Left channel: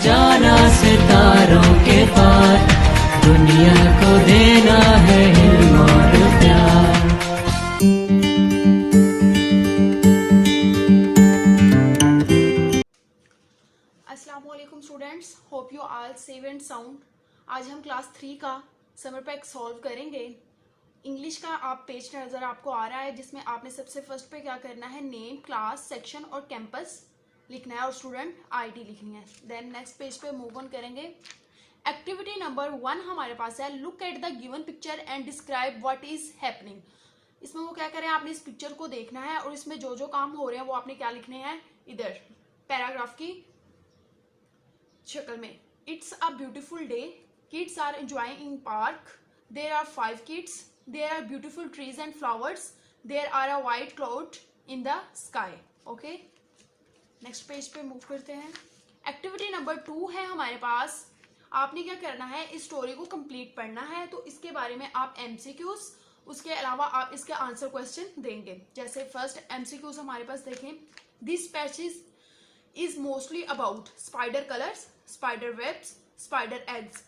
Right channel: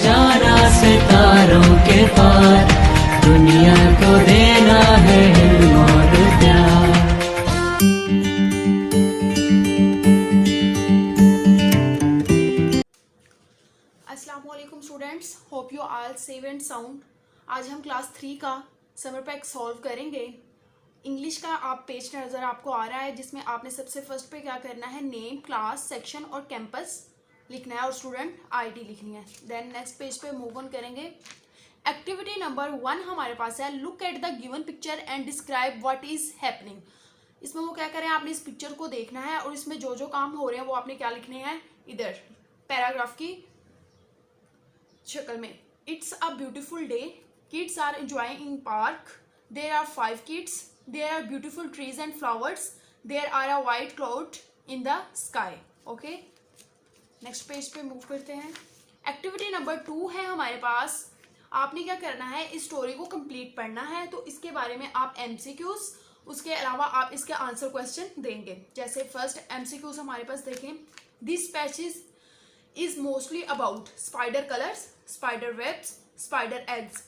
जाना सितारों के पार, दुनिया को देना है इल्म और प्यार। अस्सलाम वालेकुम students, hope you all safe and sound. आज हम क्लास 3 का समर पैक सॉल्व करेंगे। इंग्लिश का आप पेज नज़र आपको आ रहा है, जिसमें आपने सबसे फर्स्ट पे क्या करना है, नेम, क्लास, सेक्शन और कैंपस लिखना है और स्टूडेंट आईडी लिखनी है। देन नेक्स्ट पेज पे मूव ऑन करेंगे। एक्टिविटी नंबर 1 हमारे पास है, look at the given picture and describe what is happening. इसमें वो क्या करें, आपने इस पिक्चर को देखना है और इसमें जो जो काम हो रहे हैं वो आपने क्या लिखने हैं, इधर पैराग्राफ की शक्ल में। It's a beautiful day, kids are enjoying in park, there are 5 kids, there are beautiful trees and flowers, there are a white cloud in the sky. Okay, next page पे मूव करते हैं। Activity number 2 है हमारे पास, आपने क्या करना है, इस स्टोरी को कंप्लीट पढ़ना है। तो इसके बारे में आप एमसीक्यूज, उसके अलावा आप इसके आंसर क्वेश्चन देंगे। जैसे फर्स्ट एमसीक्यूज हमारे पास देखें, this passage is mostly about spider colours, spider webs, spider eggs.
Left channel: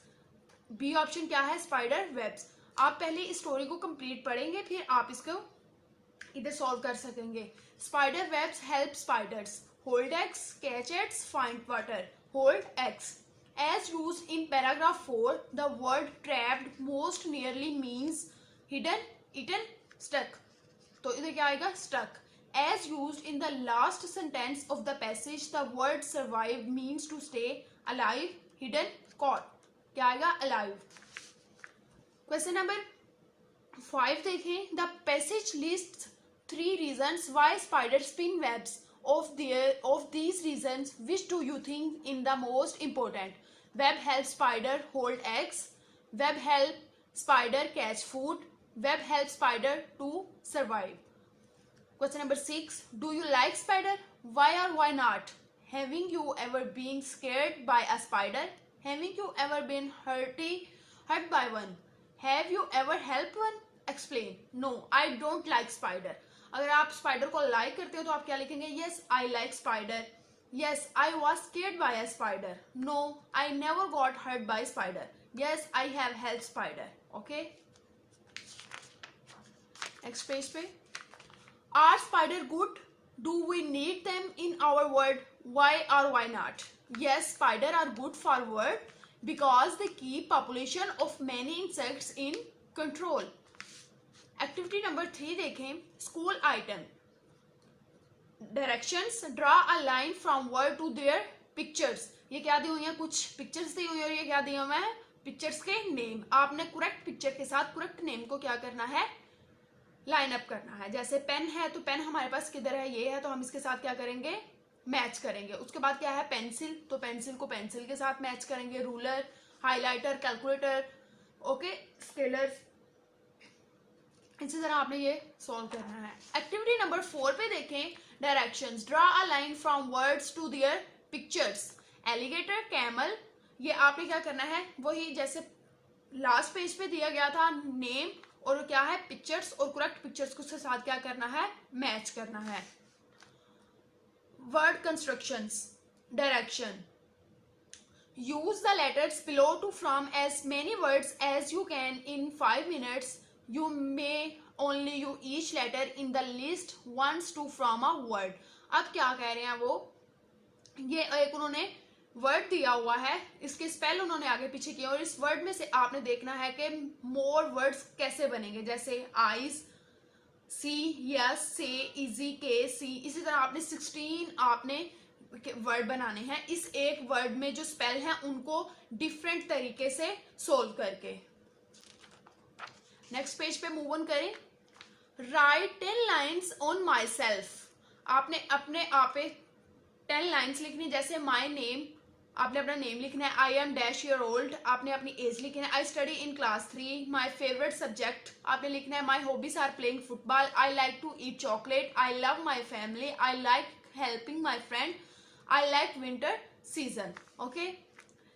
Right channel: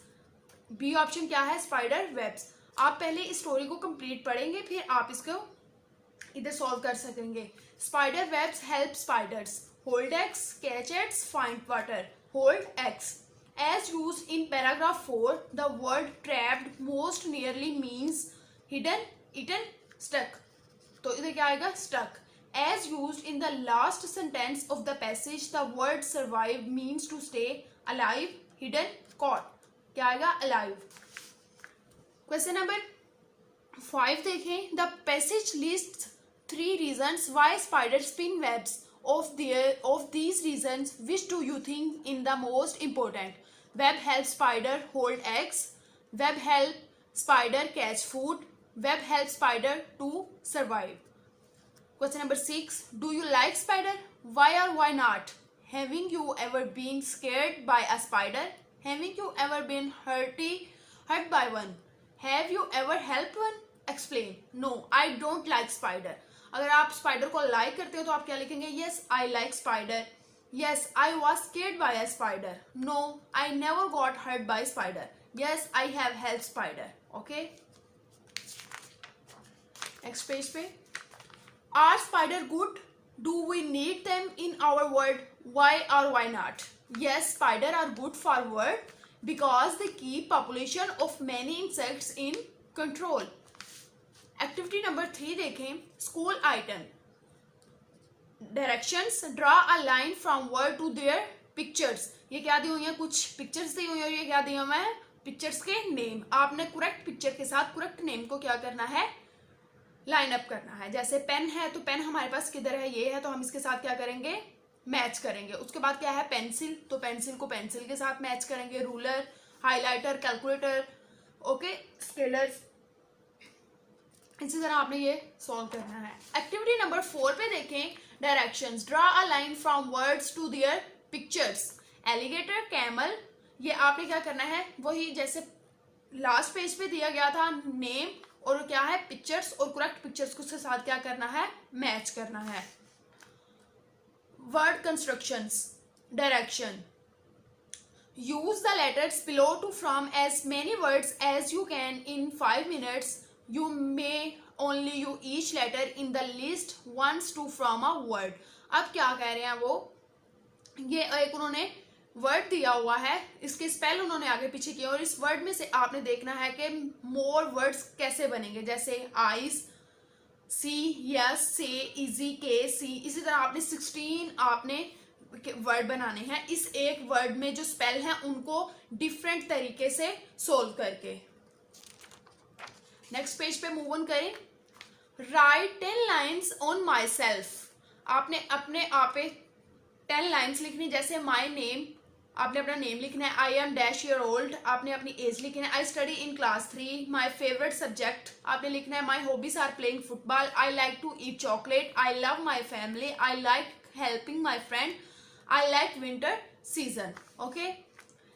B option क्या है, स्पाइडर वेब्स। आप पहले इस स्टोरी को कंप्लीट पढ़ेंगे, फिर आप इसको इधर सॉल्व कर सकेंगे। Spider webs help spiders hold eggs, catch eggs, find water. Hold eggs. As used in paragraph 4, the word trapped most nearly means hidden, eaten, stuck. तो इधर क्या आएगा, stuck. As used in the last sentence of the passage, the word survive means to stay alive, hidden, caught. क्या आएगा, alive. Question number 5 देखें, the passage lists 3 reasons why spiders spin webs. Of these reasons, which do you think in the most important? Web helps spider hold eggs. Web help spider catch food. Web helps spider to survive. Question number 6. Do you like spider? Why or why not? Having you ever been scared by a spider? Having you ever been hurt by one? Have you ever helped one? Explain. No, I don't like spider. अगर आप spider को like करते हो तो आप क्या लिखेंगे, yes I like spider, yes I was scared by a spider, no I never got hurt by spider, yes I have help spider. Okay, next page पे, are spider good, do we need them in our world, why और why not? Yes, spider are good for world because they keep population of many insects in control. Activity number 3 देखें, school item, directions, draw a line from word to their pictures. ये क्या दी हुई है, कुछ pictures दी हुई है, ये क्या दिया हुआ है, पिक्चर्स के नेम। आपने करेक्ट पिक्चर के साथ करेक्ट नेम को क्या करना है, लाइन अप करना है। जैसे पेन है तो पेन हमारे पास किधर है, ये है, तो हम इसके साथ क्या करेंगे, मैच करेंगे। उसके बाद क्या है, पेंसिल, तो पेंसिल को पेंसिल के साथ मैच करेंगे। Ruler, highlighter, calculator, okay, scalars. इसी तरह आपने ये सॉल्व करना है। एक्टिविटी नंबर 4 पे देखें, directions, draw a line from words to their pictures. Alligator, camel, ये आपने क्या करना है, वही जैसे लास्ट पेज पे दिया गया था, नेम और क्या है, पिक्चर्स, और करेक्ट पिक्चर्स को साथ क्या करना है, मैच करना है। Word constructions, direction, use the letters below to from as many words as you can in 5 minutes. You may only use each letter in the list once to from a word. अब क्या कह रहे हैं वो, ये एक उन्होंने word दिया हुआ है, इसके स्पेल उन्होंने आगे पीछे किया और इस वर्ड में से आपने देखना है कि मोर वर्ड्स कैसे बनेंगे। जैसे आइस, सी, यस, से, इजी, के, सी। इसी तरह आपने 16 आपने वर्ड बनाने हैं। इस एक वर्ड में जो स्पेल हैं उनको डिफरेंट तरीके से सोल्व करके। नेक्स्ट पेज पे मूव ऑन करें। Right 10 lines on my self, आपने अपने आप पे 10 लाइन्स लिखनी। जैसे माई नेम, आपने अपना नेम लिखना है। I am dash year old, आपने अपनी एज लिखना है। I study in class 3, my favourite subject आपने लिखना है। My hobbies are playing football, I like to eat chocolate, I love my family, I like helping my friend, I like winter season. Okay,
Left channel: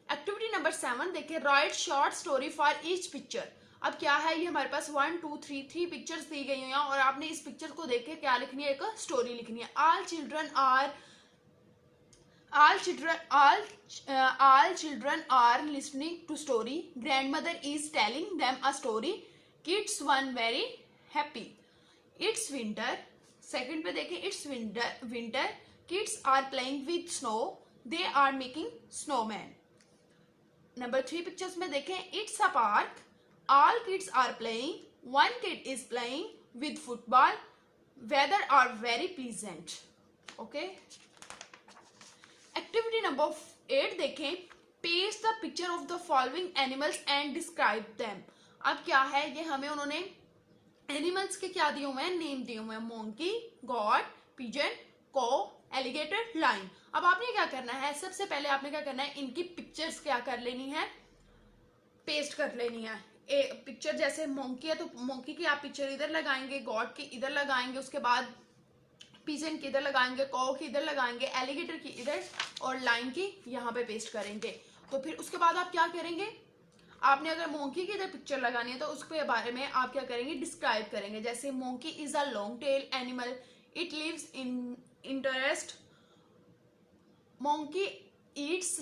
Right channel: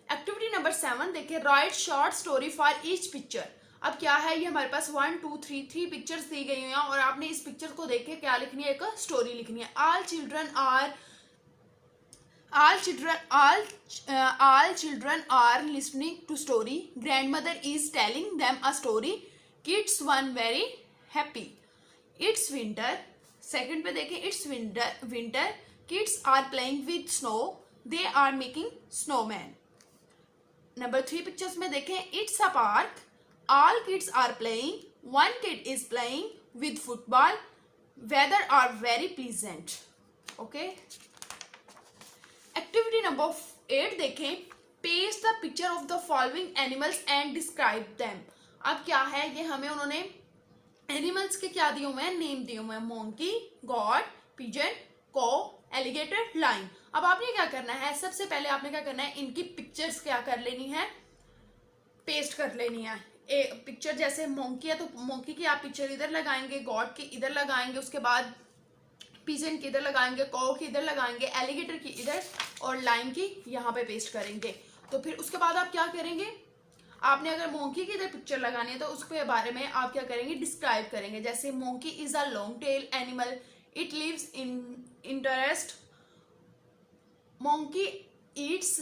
activity number 7 देखिए, write short story for each picture. अब क्या है, ये हमारे पास 1 2 3 pictures दी गई हैं और आपने इस पिक्चर को देख के क्या लिखनी है, एक स्टोरी लिखनी है। all children are listening to story. Grandmother is telling them a story. Kids one very happy. It's winter. Second पे देखें, it's winter. Kids are playing with snow. They are making snowman. Number 3 pictures में देखें, it's a park. All kids are playing. One kid is playing with football. Weather are very pleasant. Okay. Activity number 8 देखें, paste the picture of the following animals and describe them. अब क्या है, ये हमें उन्होंने animals के क्या दिए हुए हैं, नेम दिए हुए हैं, मोंकी, गॉड, पिजन, को, एलिगेटर, लाइन। अब आपने क्या करना है, सबसे पहले आपने क्या करना है, इनकी पिक्चर्स क्या कर लेनी है, पेस्ट कर लेनी है। पिक्चर जैसे मोंकी है तो मोंकी की आप पिक्चर इधर लगाएंगे, गॉड की इधर लगाएंगे, उसके बाद पिजन की इधर लगाएंगे, कौ की इधर लगाएंगे, एलिगेटर की इधर और लाइन की यहाँ पे पेस्ट करेंगे। तो फिर उसके बाद आप क्या करेंगे, आपने अगर मोंकी की इधर पिक्चर लगानी है तो उसके बारे में आप क्या करेंगे, डिस्क्राइब करेंगे। जैसे monkey is a long tail animal, it lives in interest, monkey eats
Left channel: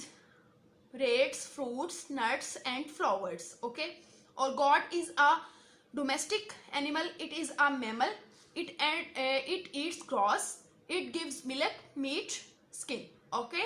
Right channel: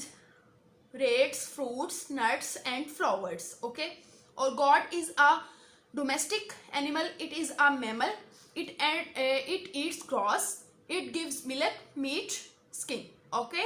rats, fruits, nuts and flowers. Okay, और goat is a domestic animal, it is a mammal, it eats grass, it gives milk, meat, skin. Okay.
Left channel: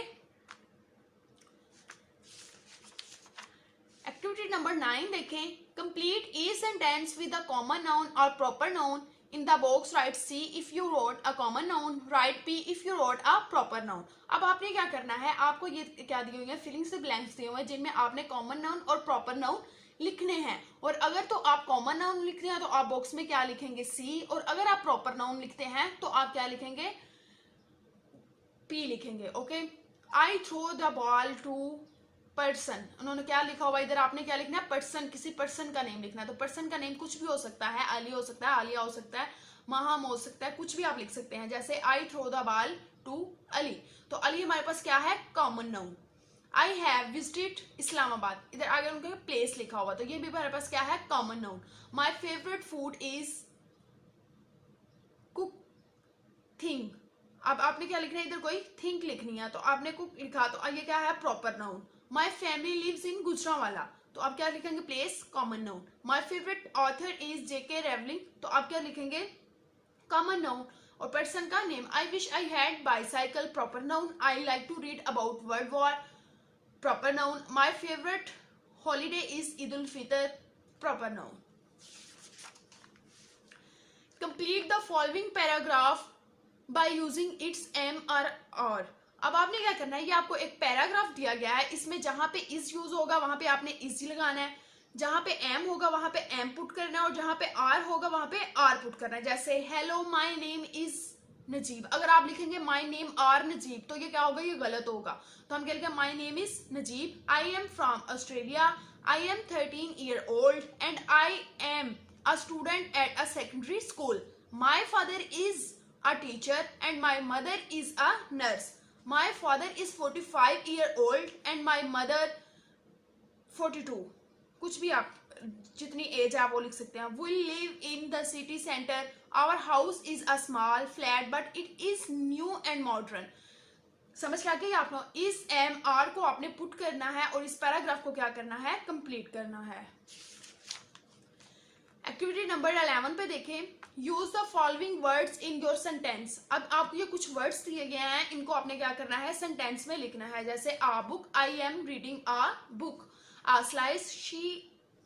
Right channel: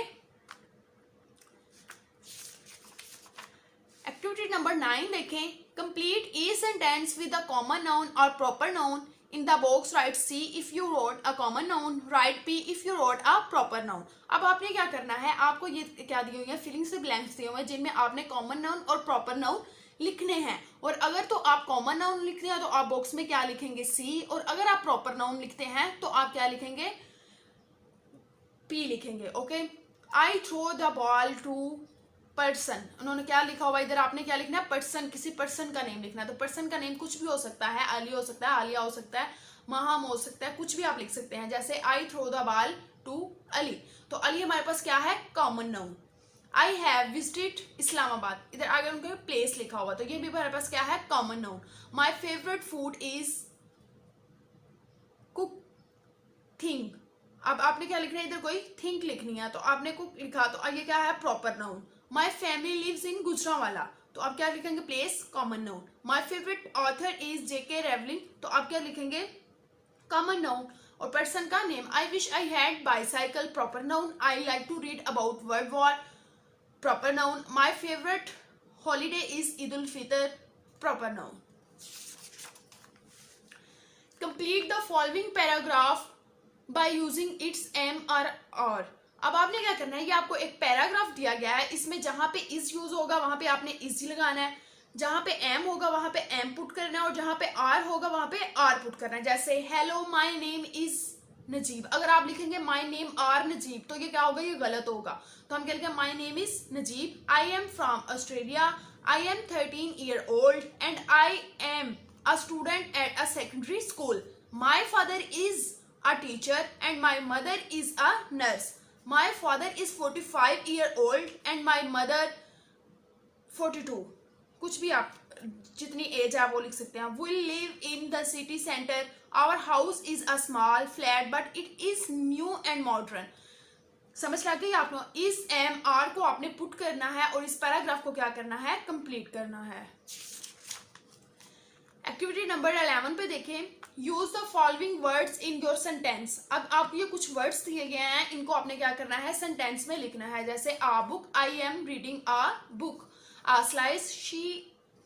Activity number 9 देखें, complete each sentence with a common noun or proper noun. In the box write C if you wrote a common noun, write P if you wrote a proper noun. अब आपने क्या करना है, आपको ये क्या दी हुई है, फिलिंग से ब्लैंक्स दिए हुए हैं जिनमें आपने कॉमन नाउन और प्रॉपर नाउन लिखने हैं। और अगर तो आप कॉमन नाउन लिखते हैं तो आप बॉक्स में क्या लिखेंगे, सी, और अगर आप प्रॉपर नाउन लिखते हैं तो आप क्या लिखेंगे, पी लिखेंगे। Okay, I throw the ball to person, उन्होंने क्या लिखा हुआ इधर, आपने क्या लिखना है, पर्सन, किसी पर्सन का नेम लिखना है। तो पर्सन का नेम कुछ भी हो सकता है, अली हो सकता है, आलिया हो सकता है, महाम हो सकता है, कुछ भी आप लिख सकते हैं। जैसे I throw the ball to Ali, तो अली हमारे पास क्या है, common noun. I have visited Islamabad, इधर आगे उनका प्लेस लिखा हुआ, तो ये भी हमारे पास क्या है, common noun. My favourite food is cook thing, अब आपने क्या लिखना है, इधर कोई थिंक लिखनी है तो आपने कुक लिखा, तो ये क्या है, proper noun. My family lives in Gujranwala, तो आप क्या लिखेंगे, place, common noun. My favourite author is J K Rowling, तो आप क्या लिखेंगे, कॉमन नाउन। और पर्सन का name, I wish I had bicycle, proper noun. I like to read about world war, proper noun. My favorite holiday is Eid ul-Fitr, proper noun. Complete the following paragraph by using its am or are. अब आपने क्या करना है, ये आपको एक paragraph दिया गया है, इसमें जहां पे इज यूज होगा वहां पे आपने इज लगाना है, जहां पे एम होगा वहां पे एम पुट करना है, और जहां पे आर होगा वहां पे आर पुट करना है। जैसे hello my name is Najib, अगर आप लिखेंगे माय नेम आर नजीब तो ये क्या होगा, ये गलत होगा। तो हम क्या लिखेंगे, my name is Najib, I am from Australia, I am 13 year old and I am a student at a secondary school, my father is a teacher and my mother is a nurse, my father is 45 year old and my mother 42, कुछ भी आप जितनी as है वो लिख सकते हैं। We live in the city centre, our house is a small flat but it is new and modern. समझ आ गई आप लोग, इस एम आर को आपने पुट करना है और इस पैराग्राफ को क्या करना है, कंप्लीट करना है। एक्टिविटी नंबर 11 पे देखें, use the following words in your sentence. अब आपको ये कुछ वर्ड्स दिए गए हैं, इनको आपने क्या करना है, सेंटेंस में लिखना है। जैसे a book, I am reading a book, a slice, she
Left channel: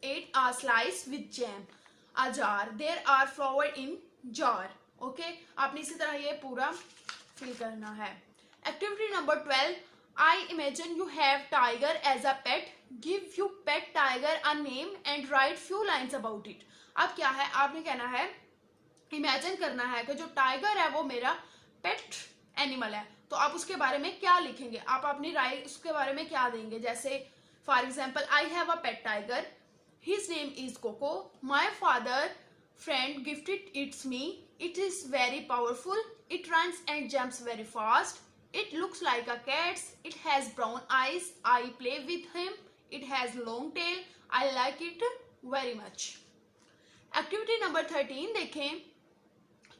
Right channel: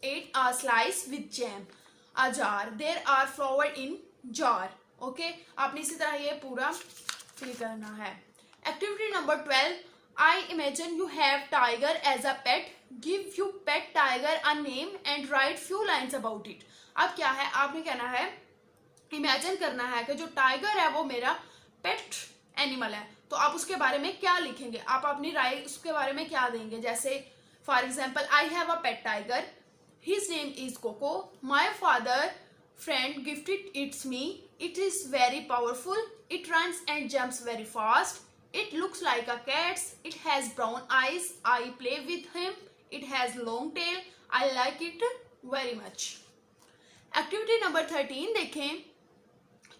ate a slice with jam, a jar, there are flower in jar. Okay, आपने इसी तरह ये पूरा फिल करना है। Activity number 12, I imagine you have tiger as a pet, give you pet tiger a name and write few lines about it. अब क्या है, आपने कहना है, इमेजिन करना है कि जो टाइगर है वो मेरा पेट एनिमल है, तो आप उसके बारे में क्या लिखेंगे, आप अपनी राय उसके बारे में क्या देंगे। जैसे for example, I have a pet tiger, his name is Coco, my father friend gifted its me, it is very powerful, it runs and jumps very fast, It looks like a cat. It has brown eyes. I play with him. It has long tail. I like it very much. Activity number 13 देखें.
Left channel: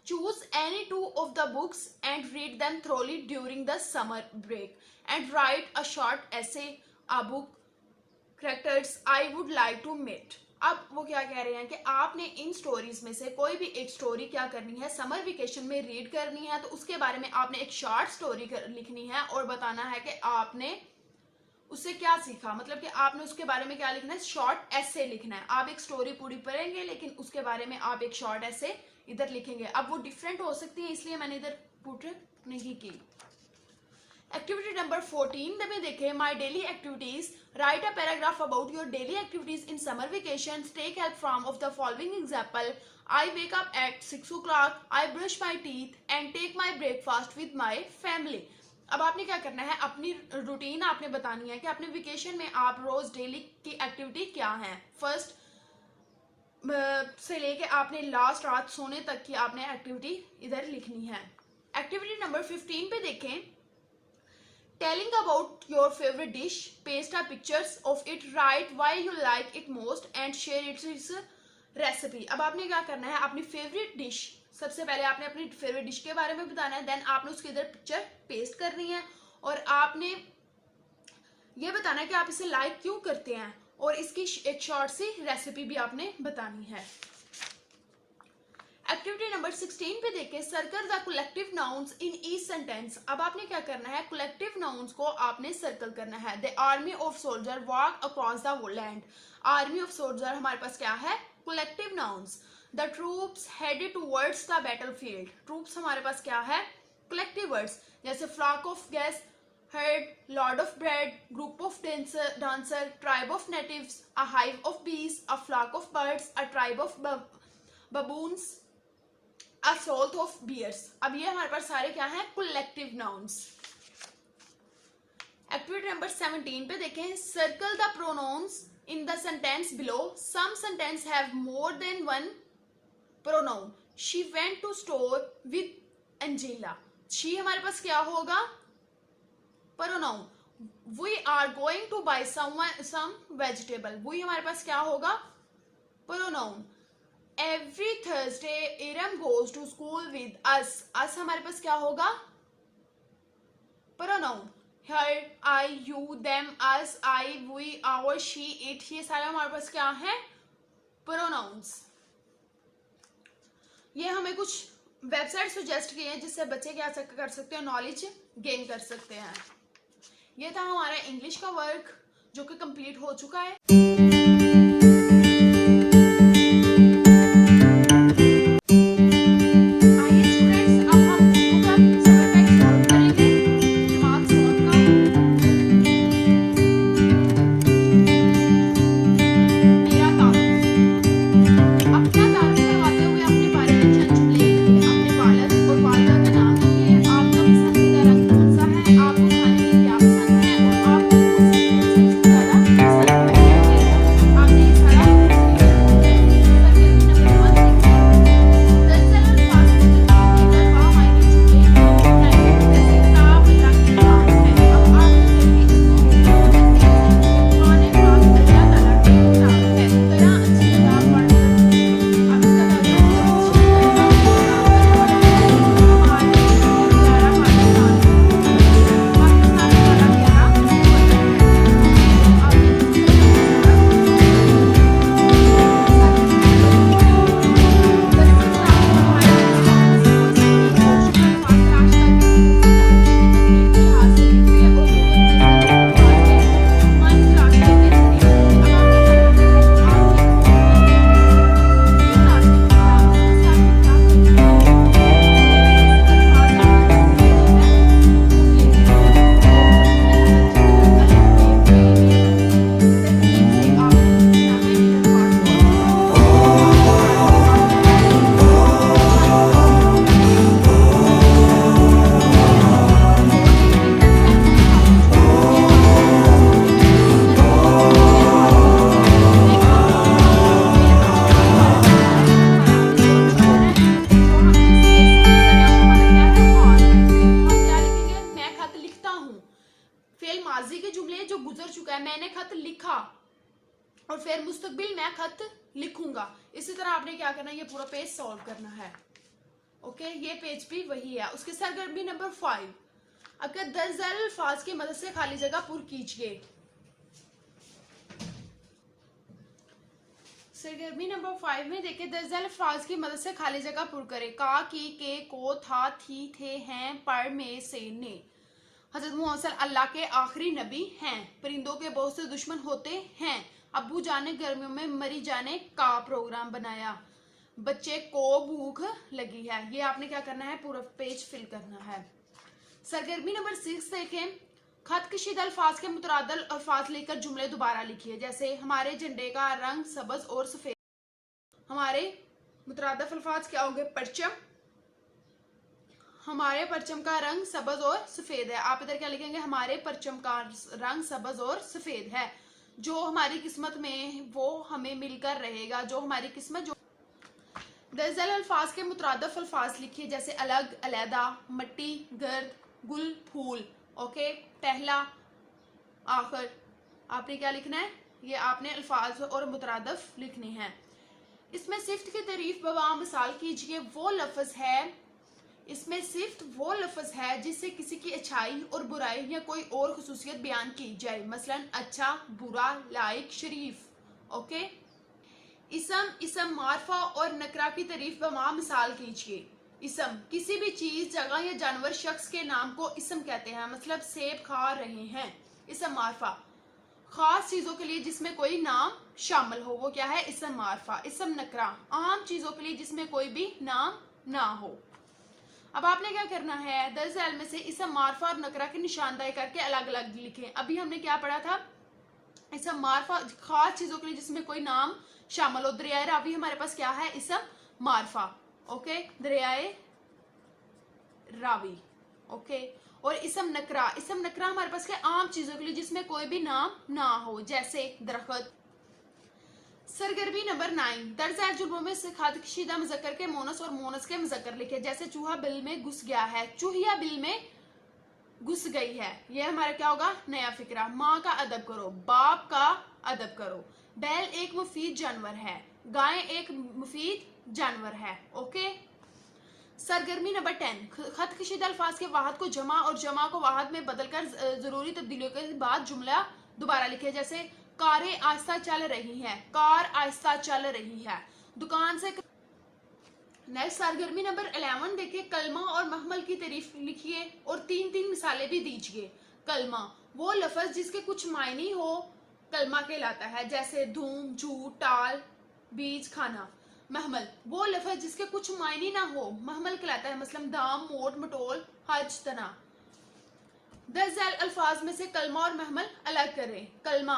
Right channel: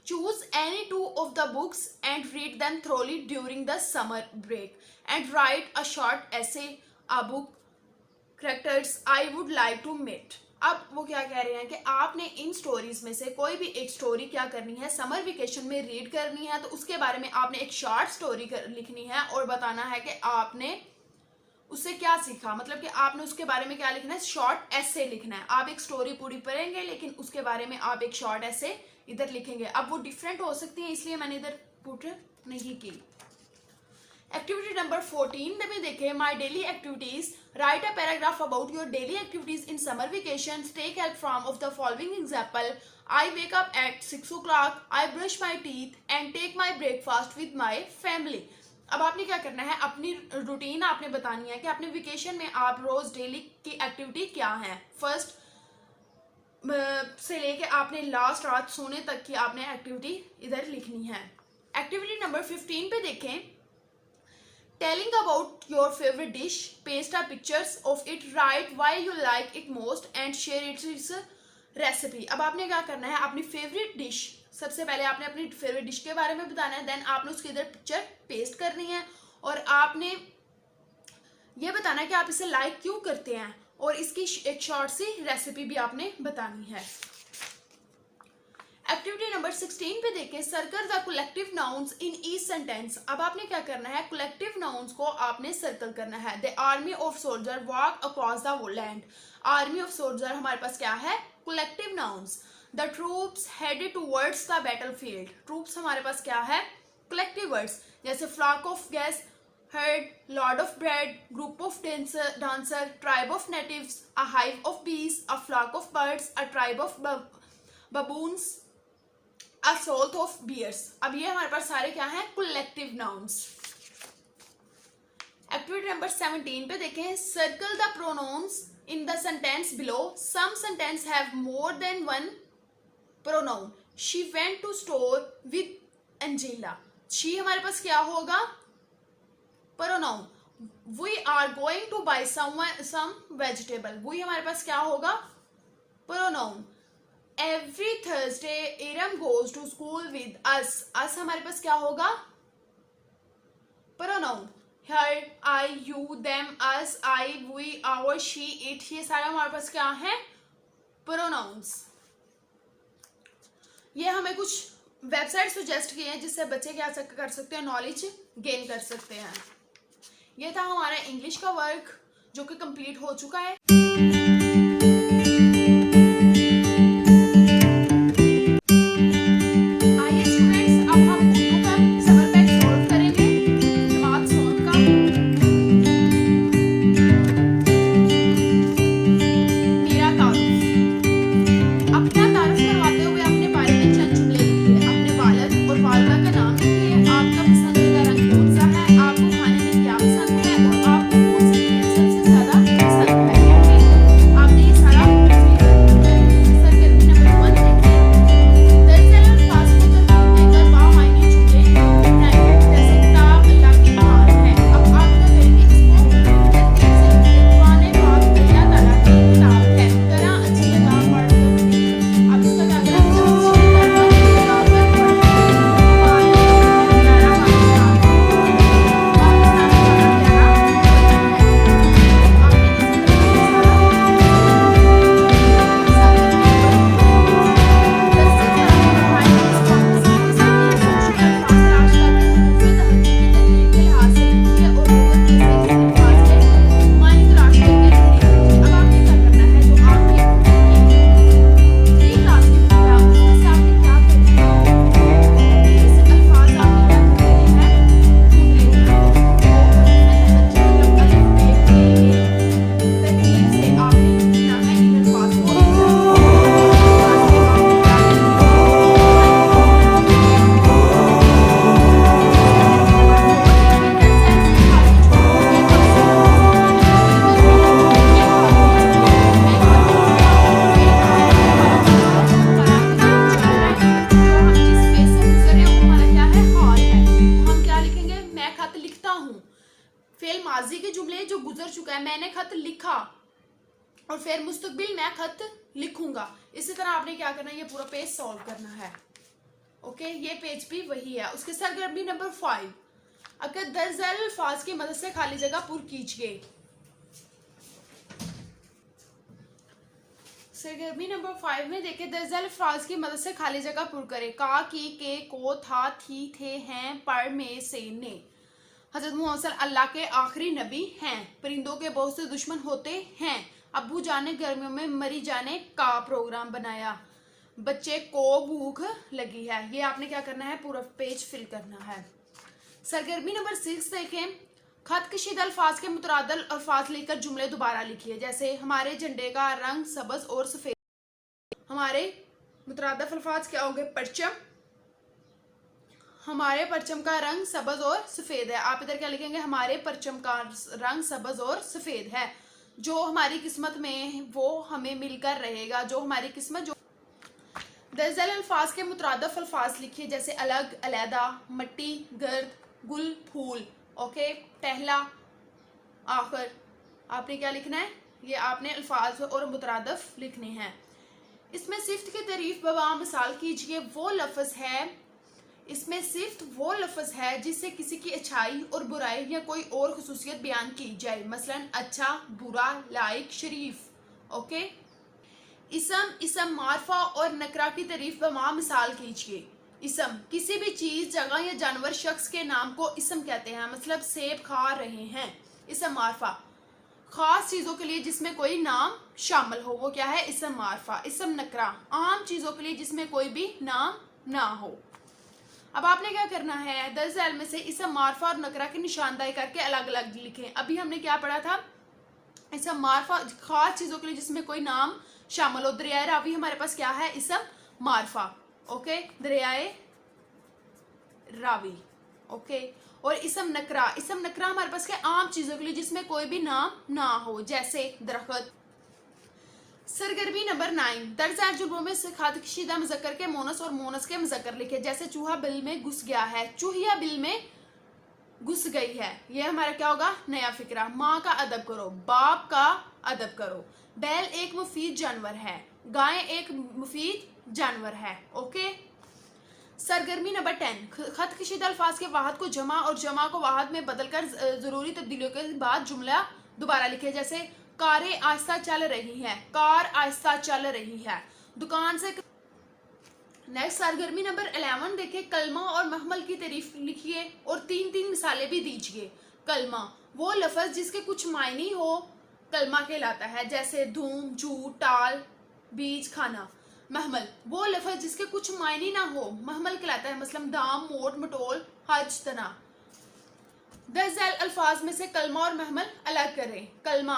Choose any two of the books and read them thoroughly during the summer break and write a short essay about characters I would like to meet. अब वो क्या कह रहे हैं कि आपने in stories में से कोई भी एक स्टोरी क्या करनी है, समर वेकेशन में रीड करनी है. तो उसके बारे में आपने एक शॉर्ट स्टोरी लिखनी है और बताना है कि आपने उससे क्या सीखा. मतलब कि आपने उसके बारे में क्या लिखना है, शॉर्ट ऐसे लिखना है. आप एक स्टोरी पूरी पढ़ेंगे लेकिन उसके बारे में आप एक शॉर्ट ऐसे इधर लिखेंगे. अब वो डिफरेंट हो सकती है इसलिए मैंने इधर पुट नहीं की. एक्टिविटी नंबर 14 में देखें. My daily activities. Write a paragraph about your daily activities in summer vacation. Take help from of the following example. I wake up at 6 o'clock. I brush my teeth and take my breakfast with my family. अब आपने क्या करना है, अपनी routine आपने बतानी है कि अपने वेकेशन में आप रोज डेली की एक्टिविटी क्या है. फर्स्ट से लेके आपने लास्ट रात सोने तक की आपने एक्टिविटी इधर लिखनी है. एक्टिविटी नंबर 15 पे देखें. Telling about your favourite dish. Paste are pictures of it. Write why you like it most and share its recipe. अब आपने क्या करना है, अपनी फेवरेट डिश, सबसे पहले आपने अपनी फेवरेट डिश के बारे में बताना है. देन आपने उसके इधर पिक्चर पेस्ट करनी है और आपने ये बताना है कि आप इसे लाइक क्यों करते हैं और इसकी एक शॉर्ट सी रेसिपी भी आपने बतानी है. एक्टिविटी नंबर 16 पे देखें. Circle the collective nouns in each sentence. अब आपने क्या करना है, कलेक्टिव नाउन्स को आपने सर्कल करना है. The army of soldier walk across the land. Army of soldier हमारे पास क्या है, collective nouns. The troops headed towards the battlefield. Troops हमारे पास क्या है, कलेक्टिव वर्ड्स. जैसे flock of guest, herd, lord of bread, group of dancer, tribe of natives, a hive of bees, a flock of birds, a tribe of baboons, a salt of bears. अब ये हमारे पास सारे क्या हैं, collective nouns. Activity number 17 पे देखें. Circle the pronouns in the sentence below. Some sentence have more than one pronoun. She went to store with Angela. She हमारे पास क्या होगा, pronoun. We are going to buy some vegetable. We हमारे पास क्या होगा, pronoun. Every Thursday Iram goes to school with us. Us हमारे पास क्या होगा, pronoun. Her, I, you, them, us, I, we, our, she, it, ये सारे हमारे पास क्या हैं, pronouns. ये हमें कुछ वेबसाइट सजेस्ट किए हैं जिससे बच्चे क्या कर सकते हैं, नॉलेज गेन कर सकते हैं. ये था हमारा इंग्लिश का वर्क जो कि कंप्लीट हो चुका है. आइए स्टूडेंट्स, अब हम उर्दू का समर पैक सॉल्व करेंगे. दिमाग सॉल्व का मेरा तारुफ. अपना तारुफ करवाते हुए अपने बारे में चंद जुमले लिखिए. अपने वालिद और वालिदा का नाम लिखिए. आपका पसंदीदा रंग कौन सा है, आपको खाने में क्या पसंद है और आपको कौन सी खेल सबसे ज्यादा पसंद है. माजी के जुमले जो गुजर चुका है, मैंने खत लिखा और फिर मुस्तकबिल मैं खत लिखूंगा। इसी तरह आपने क्या करना है, ये पूरा पेज सॉल्व करना है। ओके, ये पेज भी वही है। उसके सरगर्मी नंबर 5, अगर दर्ज झैल अल्फाज की मदद से खाली जगह पुर कीजिए। सरगर्मी नंबर 5 में देखिए, दर्ज झैल अल्फाज की मदद से खाली जगह पुर करें। का, की, के, को, था, थी, थे, हैं, पर, में, से, ने। हजरत मुहम्मद अल्लाह के आखिरी नबी हैं। परिंदों के बहुत से दुश्मन होते हैं। अब्बू जान ने गर्मियों में मरी जाने का प्रोग्राम बनाया। बच्चे को भूख लगी है। ये आपने क्या करना है, पूरा पेज फिल करना है। सरगर्मी नंबर 6 देखें, खत कशीदा अल्फाज के मुतरादल अल्फाज लेकर जुमले दोबारा लिखिए। जैसे हमारे झंडे का रंग सब्ज और सफेद। हमारे मुतरादफ अल्फाज क्या होंगे, परचम। हमारे परचम का रंग सब्ज और सफेद है। आप इधर क्या लिखेंगे, हमारे परचम का रंग सब्ज और सफेद है। जो हमारी किस्मत में वो हमें मिलकर रहेगा। जो हमारी किस्मत, जो दर्ज झैल अल्फाज के मुतरादफ अल्फाज लिखिए। जैसे अलग, अलहदा, मट्टी, गर्द, गुल, फूल। ओके, पहला, आखिर। आपने क्या लिखना है, ये आपने अल्फाज और मुतरादफ लिखने हैं। इसमें सिफ्त की तारीफ बवा मिसाल कीजिए। वो लफ्ज है, इसमें सिर्फ वो लफ्ज है जिससे किसी की अच्छाई और बुराई या कोई और खुसूसियत बयान की जाए। मसलन अच्छा, बुरा, लाइक, शरीफ। ओके, इसम, मारफा और नकरा की तारीफ बमा मिसाल कीजिए। इसम, किसी भी चीज, जगह या जानवर, शख्स के नाम को इसम कहते हैं। मतलब सेब खा रहे हैं। इसम मारफा, खास चीजों के लिए जिसमें कोई नाम शामिल हो, वो क्या है, इसम मारफा। इसम नकरा, आम चीजों के लिए जिसमें कोई भी नाम ना हो। अब आपने क्या करना है, दर्ज झैल में से इसम मारफा और नकरा की निशानदाही करके अलग अलग लिखें। अभी हमने क्या पढ़ा था, इसम मारफा खास चीजों के लिए जिसमें कोई नाम शामिल हो। दरियाए रावी हमारे पास क्या है, इसम मारफा। ओके, दरियाए रावी। ओके, और इसम नकरा हमारे पास क्या, आम चीजों के लिए जिसमें कोई भी नाम ना हो। जैसे दरख्त। सरगर्मी नंबर 9, दर्ज झैल जुमलों में से खाद कशीदा मुज़क्कर के मोनस और मोनस के मुज़क्कर लिखे। जैसे चूहा बिल में घुस गया है, चूहिया बिल में घुस गई है। ये हमारा क्या होगा, नया फिक्रा। माँ का अदब करो, बाप का अदब करो। बैल एक मुफीद जानवर है, गाय एक मुफीद जानवर है। ओके, सरगर्मी नंबर 10, खत कशीदा अल्फाज के वाहद को जमा और जमा को वाहद में बदलकर जरूरी तब्दीलियों के बाद जुमला दोबारा लिखे। जैसे कारें आहिस्ता चल रही हैं, कार आहिस्ता चल रही है। दुकान से। नेक्स्ट सरगर्मी नंबर 11 देखिए, कलमा और महमल की तारीफ लिखिए और 3-3 मिसालें भी दीजिए। कलमा, वो लफ्ज जिसके कुछ मायने हो कलमा कहलाता है। जैसे धूम, झूठ, टाल, बीज, खाना। महमल, वो लफ्ज जिसके कुछ मायने ना हो महमल कहलाता है। मतलब दाम, मोट, मटोल, हज, तना। दर्ज झैल अल्फाज में से कलमा और महमल अलग करें। कलमा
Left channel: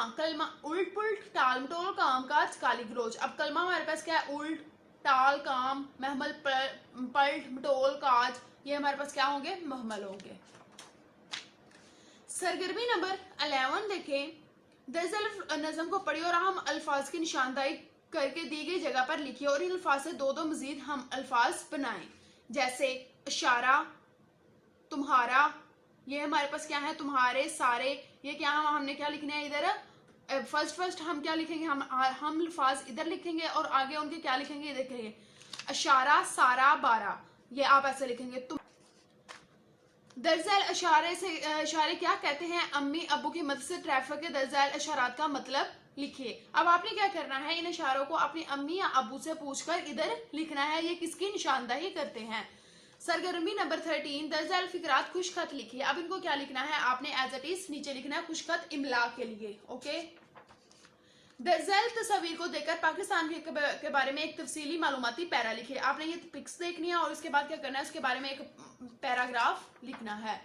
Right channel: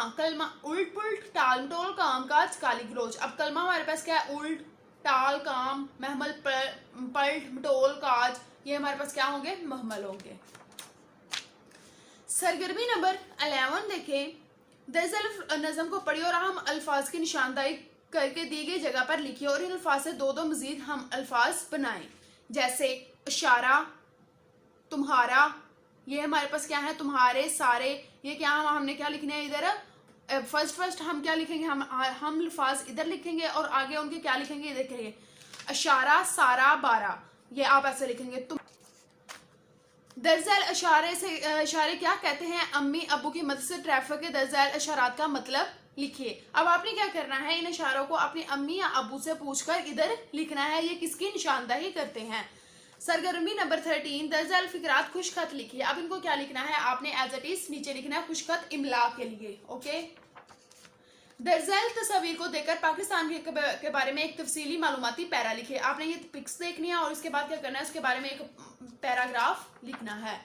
उल्ट पुल्ट, टाल मटोल, काम काज, गाली गलौज। अब कलमा हमारे पास क्या है, उल्ट, टाल, काम, महमल, पल्ट, मटोल, काज। ये हमारे पास क्या होंगे, महमल होंगे। सरगर्मी नंबर 11 देखें, दर्ज झैल नज़म को पढ़िए और हम अल्फाज की निशानदाही करके दी गई जगह पर लिखिए और इन अल्फाज से दो मजीद हम अल्फाज बनाएं। जैसे इशारा, तुम्हारा। ये हमारे पास क्या है, तुम्हारे, सारे। ये क्या हमने क्या लिखना है इधर, फर्स्ट हम क्या लिखेंगे, हम अल्फाज इधर लिखेंगे और आगे उनके क्या लिखेंगे, इधर लिखेंगे। इशारा, सारा, बारा। ये आप ऐसे लिखेंगे। तुम दर्ज झैल इशारे क्या कहते हैं, अम्मी अब्बू की मदद से ट्रैफिक के दर्ज झैल इशारात का मतलब लिखिए। अब आपने क्या करना है, इन इशारों को अपनी अम्मी या अब्बू से पूछकर इधर लिखना है, ये किसकी निशानदाही करते हैं। सरगर्मी नंबर 13, दर्ज झैल फिकरात खुशखत लिखिए। अब इनको क्या लिखना है, आपने एज इट इज नीचे लिखना है खुशखत इमला के लिए। ओके, दर्ज झैल तस्वीर को देखकर पाकिस्तान के बारे में एक तफसीली मालूमाती पैरा लिखिए। आपने ये पिक्स देखनी है और इसके बाद क्या करना है, उसके बारे में एक पैराग्राफ लिखना है।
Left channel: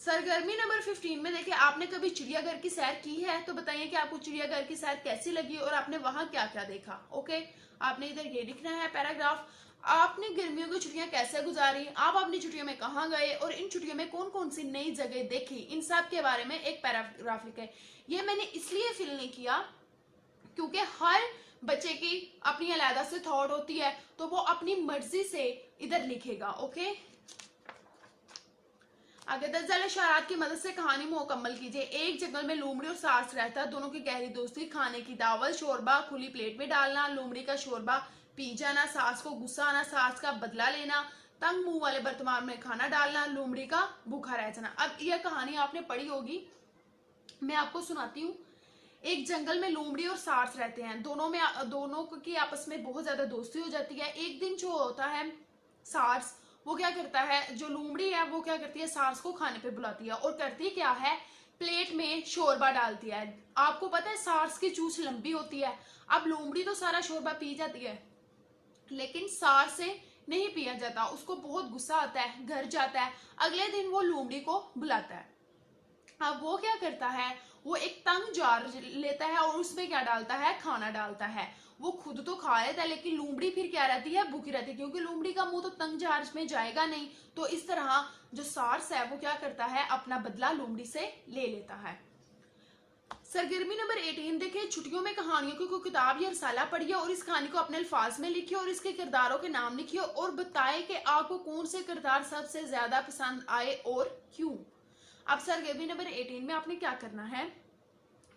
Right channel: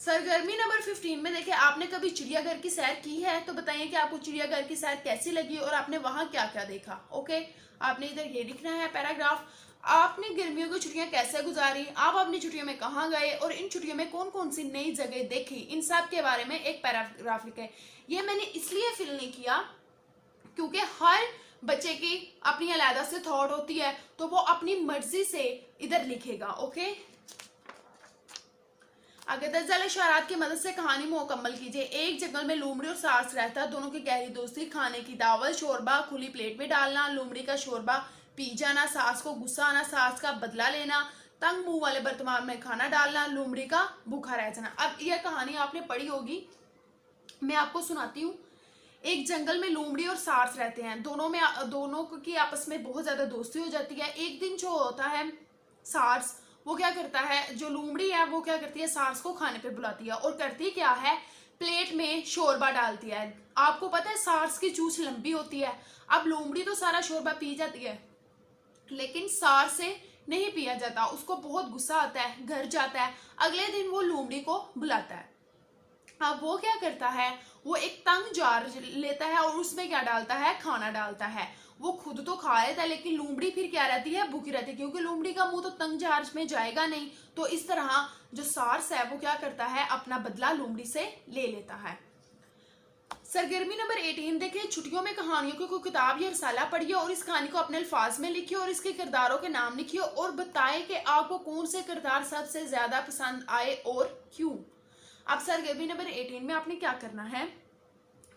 सरगर्मी नंबर 15 में देखिए, आपने कभी चिड़ियाघर की सैर की है तो बताइए कि आपको चिड़ियाघर की सैर कैसी लगी और आपने वहां क्या क्या देखा। ओके, आपने इधर ये लिखना है पैराग्राफ। आपने गर्मियों की छुट्टियां कैसे गुजारी, आप अपनी छुट्टियों में कहाँ गए और इन छुट्टियों में कौन कौन सी नई जगह देखी, इन सब के बारे में एक पैराग्राफ लिखे। ये मैंने इसलिए फिल नहीं किया क्योंकि हर बच्चे की अपनी अलग से थॉट होती है, तो वो अपनी मर्जी से इधर लिखेगा। ओके, आगे 10 जाल इशारात की मदद से कहानी मुकम्मल कीजिए। एक जंगल में लोमड़ी और सास रहता, दोनों की गहरी दोस्ती, खाने की दावत, शोरबा खुली प्लेट में डालना, लोमड़ी का शोरबा पी जाना, सास को गुस्सा आना, सास का बदला लेना, तंग मुंह वाले बर्तन में खाना डालना, लोमड़ी का भूखा रह जाना। अब यह कहानी आपने पढ़ी होगी, मैं आपको सुनाती हूँ। एक जंगल में लोमड़ी और सास रहते हैं, दोनों की आपस में बहुत ज्यादा दोस्ती हो जाती है। एक दिन जो होता है, सास वो क्या करता है, जो लोमड़ी है वो क्या करती है, सास को खाने पे बुलाती है और करती क्या है, प्लेट में शोरबा डालती है। आपको पता है सास की चूंच लंबी होती है। अब लोमड़ी तो सारा शोरबा पी जाती है, लेकिन सास से नहीं पिया जाता, उसको बहुत गुस्सा आता है, घर जाता है। अगले दिन वो लोमड़ी को बुलाता है। अब वो क्या करता है, वो एक तंग जार लेता है और उसमें क्या डालता है, खाना डालता है। वो खुद तो खा लेता है, लेकिन लोमड़ी फिर क्या रहती है, भूखी रहती है, क्योंकि लोमड़ी का मुंह तो तंग जार में जाएगा नहीं। तो इस तरह जो सास है वो क्या करता है, अपना बदला लोमड़ी से ले लेता है। सरगर्मी नंबर 18 देखिए, छुट्टियों में कहानियों की कोई किताब या रसाला पढ़िए और इस कहानी को अपने अल्फाज में लिखिए और इसके किरदारों के नाम लिखिए और बताएं कि आपको कौन से किरदार सबसे ज्यादा पसंद आए और क्यों। अब सरगर्मी नंबर 18 में आपने क्या करना है,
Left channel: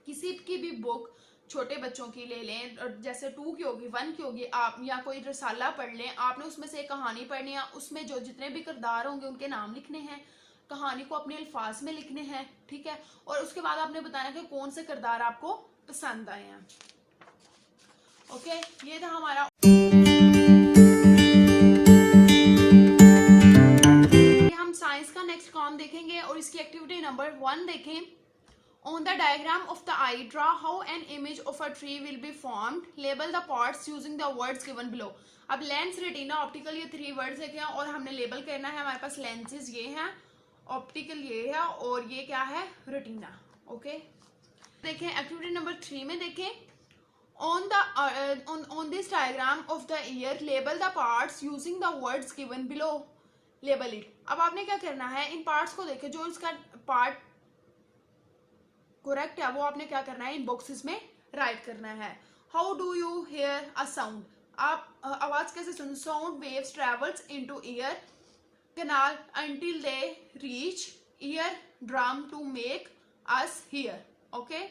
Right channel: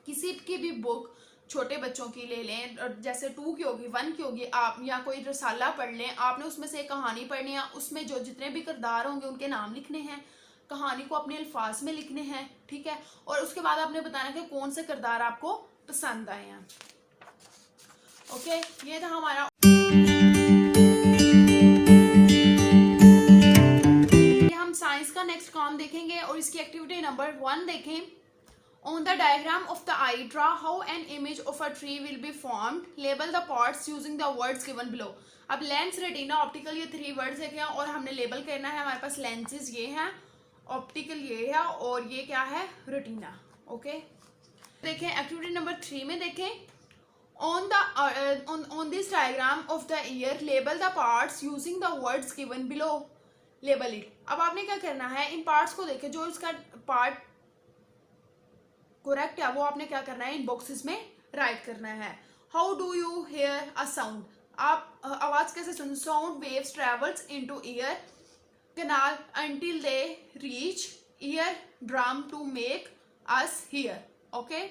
किसी की भी बुक छोटे बच्चों की ले लें, जैसे 2 की होगी, 1 की होगी, आप या कोई रसाला पढ़ लें। आपने उसमें से एक कहानी पढ़नी है, उसमें जो जितने भी किरदार होंगे उनके नाम लिखने हैं, कहानी को अपने अल्फाज में लिखने हैं, ठीक है। और उसके बाद आपने बताना कि कौन से किरदार आपको पसंद आए हैं। ओके, ये था हमारा। हम साइंस का नेक्स्ट काम देखेंगे और इसकी एक्टिविटी नंबर 1 देखें। On the diagram of the eye, draw how an image of a tree will be formed. Label the parts using the words given below. अब लेंस, रेटिना, ऑप्टिकल, ये 3 words देखे हैं और हमने लेबल करना है। हमारे पास लेंसेज ये हैं, ऑप्टिकल ये है और ये क्या है, रेटिना। ओके, देखें एक्टिविटी नंबर 3 में देखें। On this diagram of the ear, label the parts using the words given below. Label it. अब आपने क्या करना है, इन पार्ट्स को देखें, जो इसका पार्ट करेक्ट है वो आपने क्या करना है, इन बॉक्सेस में राइट करना है। How do you hear a sound, आप आवाज कैसे सुन, sound waves travels into ear canal until they reach ear drum to make us hear. Okay,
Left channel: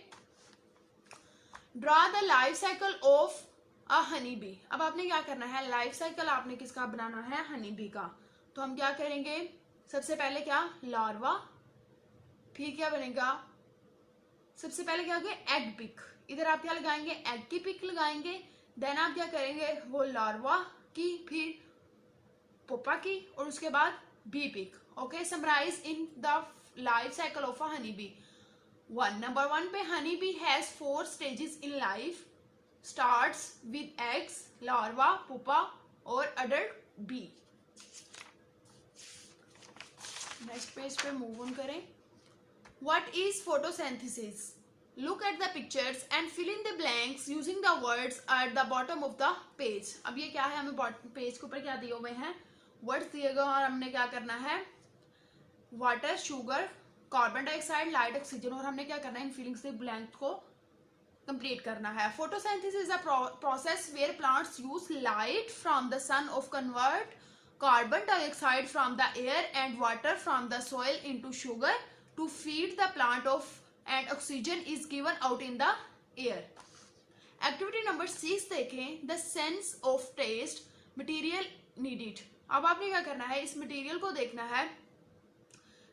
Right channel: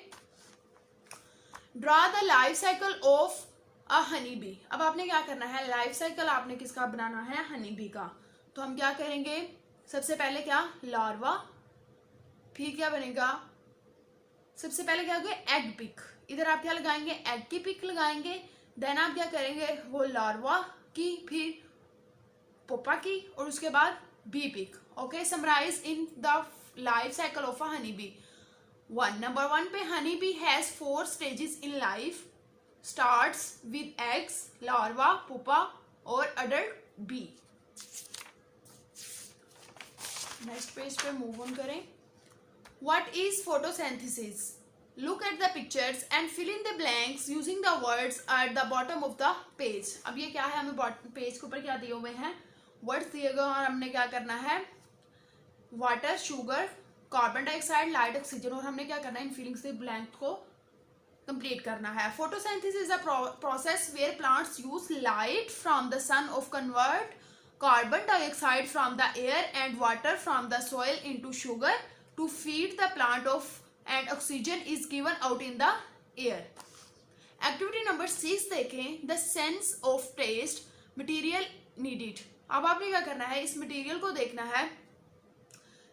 draw the life cycle of a honey bee. अब आपने क्या करना है, लाइफ साइकिल आपने किसका बनाना है, हनी बी का। तो हम क्या करेंगे, सबसे पहले क्या, लार्वा, फिर क्या बनेगा, सबसे पहले क्या होगा, एग पिक। इधर आप क्या लगाएंगे, एग की पिक लगाएंगे। देन आप क्या करेंगे, वो लार्वा की, फिर पोपा की और उसके बाद bee pick. Okay, summarise in the life cycle of a honey bee. Number 1 पे, honey bee has 4 stages in life, starts with eggs, larva, pupa और अडल्ट बी। नेक्स्ट पेज पे मूव ऑन करें। What is photosynthesis? Look at the pictures and fill in the blanks using the words at the bottom of the page. अब ये क्या है, हमें page के ऊपर क्या दिए हुए हैं, वर्ड्स दिए गए और हमने क्या करना है, water, sugar, carbon dioxide, light, oxygen, और हमने क्या करना है, इन फिलिंग्स के ब्लैंक को कंप्लीट करना है। Photosynthesis is a process where plants use light from the sun of convert carbon dioxide from the air and water from the soil into sugar to feed the plant of and oxygen is given out in the air. Activity number 6 देखें, the sense of taste material needed. अब आपने क्या करना है, इस material को देखना है,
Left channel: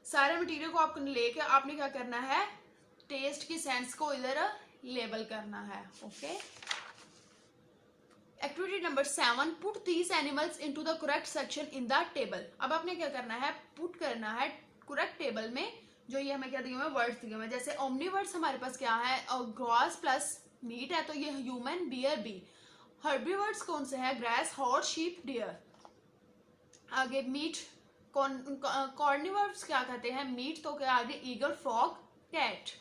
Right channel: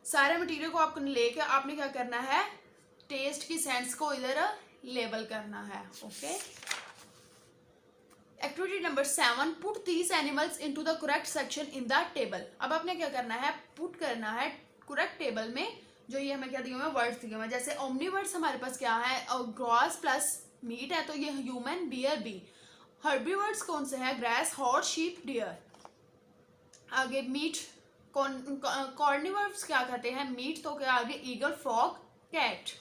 सारे मटेरियल को आपको लेकर आपने क्या करना है, टेस्ट की सेंस को इधर लेबल करना है। Okay, activity number 7, put these animals into the correct section in the table. अब आपने क्या करना है, पुट करना है करेक्ट टेबल में, जो ये हमें क्या दिए हुए हैं, वर्ड्स दिए हुए हैं। जैसे ओमनीवर्ड्स हमारे पास क्या है, ग्रास प्लस मीट है, तो ये ह्यूमन, बियर, बी। हर्बीवर्ड्स कौन से है, ग्रास, हॉर्स, शीप, डियर। आगे मीट, कॉर्निवर्ड्स क्या कहते हैं, मीट, तो क्या आगे, eagle, frog, cat.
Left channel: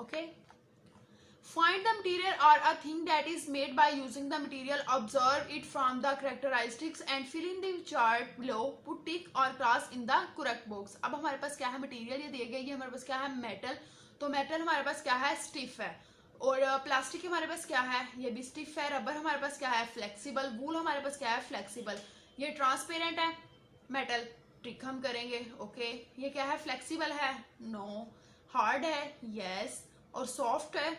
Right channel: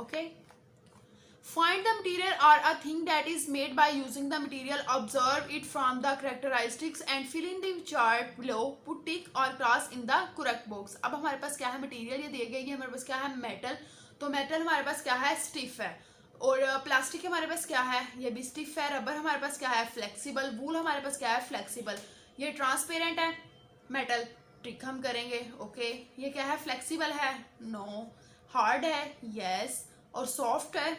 Okay, find the material or a thing that is made by using the material, observe it from the characteristics and fill in the chart below, put tick or cross in the correct box. अब हमारे पास क्या है, material ये दिए गए, ये हमारे पास क्या है, मेटल, तो मेटल हमारे पास क्या है, स्टिफ है, और प्लास्टिक हमारे पास क्या है, ये भी स्टिफ है, रबर हमारे पास क्या है, फ्लेक्सिबल, वूल हमारे पास क्या है, फ्लेक्सिबल, ये ट्रांसपेरेंट है मेटल, ट्रिक हम करेंगे। ओके, ये क्या है, फ्लेक्सिबल है, नो, हार्ड है, यस, और सॉफ्ट है,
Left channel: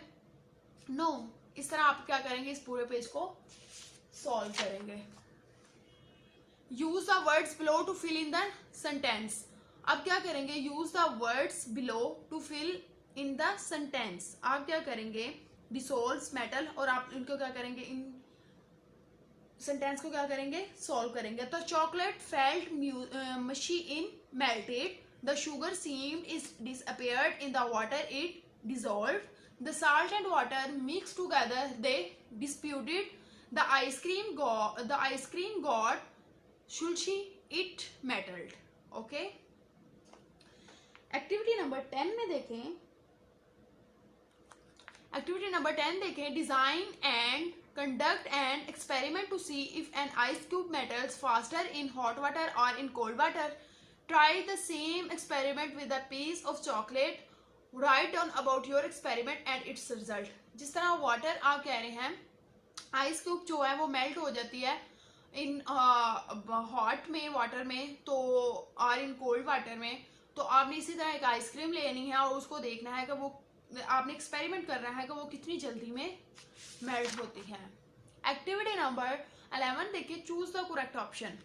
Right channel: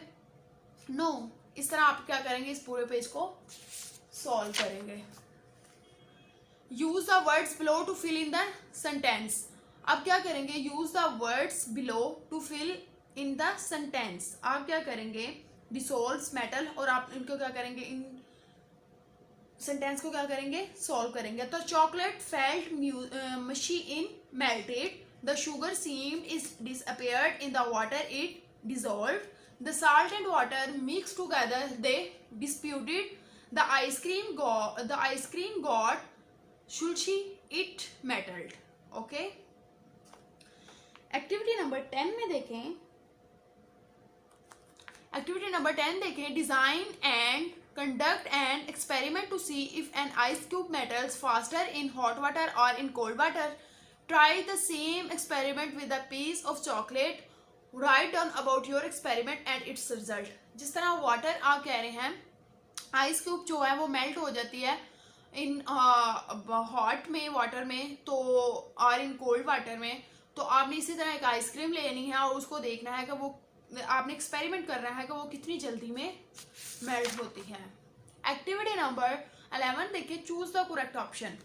नो। इस तरह आप क्या करेंगे, इस पूरे पेज को सॉल्व करेंगे। Use the words below to fill in the sentence. अब क्या करेंगे, use the words below to fill in the sentence. आप क्या करेंगे, डिसॉल्व्स मेटल, और आप इनको क्या करेंगे, इन सेंटेंस को क्या करेंगे, सॉल्व करेंगे। तो chocolate felt mushy in melted, the sugar seemed is disappeared in the water it dissolved, the salt and water mixed together, they disputed, the ice cream got sultry, it melted। Okay, activity number 10 में देखें, activity number 10 देखें, design and conduct an experiment to see if an ice cube melts faster in hot water or in cold water. Try the same experiment with a piece of chocolate. Write down about your experiment and its result. जिस तरह water आप कह रहे हैं, ice cube जो है वो melt हो जाती है इन हॉट में वाटर में तो और इन कोल्ड वाटर में, तो आपने इसी तरह एक आइसक्रीम लेनी है और उसको देखना है कि वो, आपने एक्सपेरिमेंट करना है कि वो कितनी जल्दी में मेल्ट होती है। एक्टिविटी नंबर 11 देखिए, choose the correct option.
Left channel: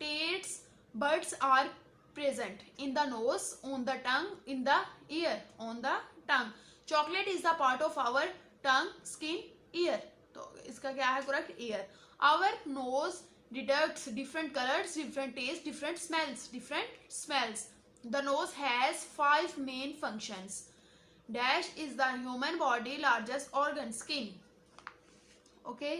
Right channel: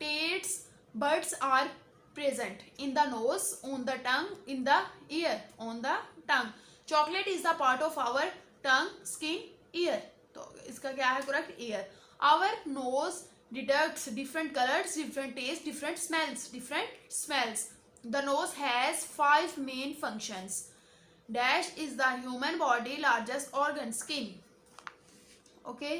Taste buds are present in the nose, on the tongue, in the ear, on the tongue. Chocolate is the part of our tongue, skin, ear, तो इसका क्या है correct, ear. Our nose detects different colours, different taste, different smells. The nose has 5 main functions. Dash is the human body largest organ, skin। Okay,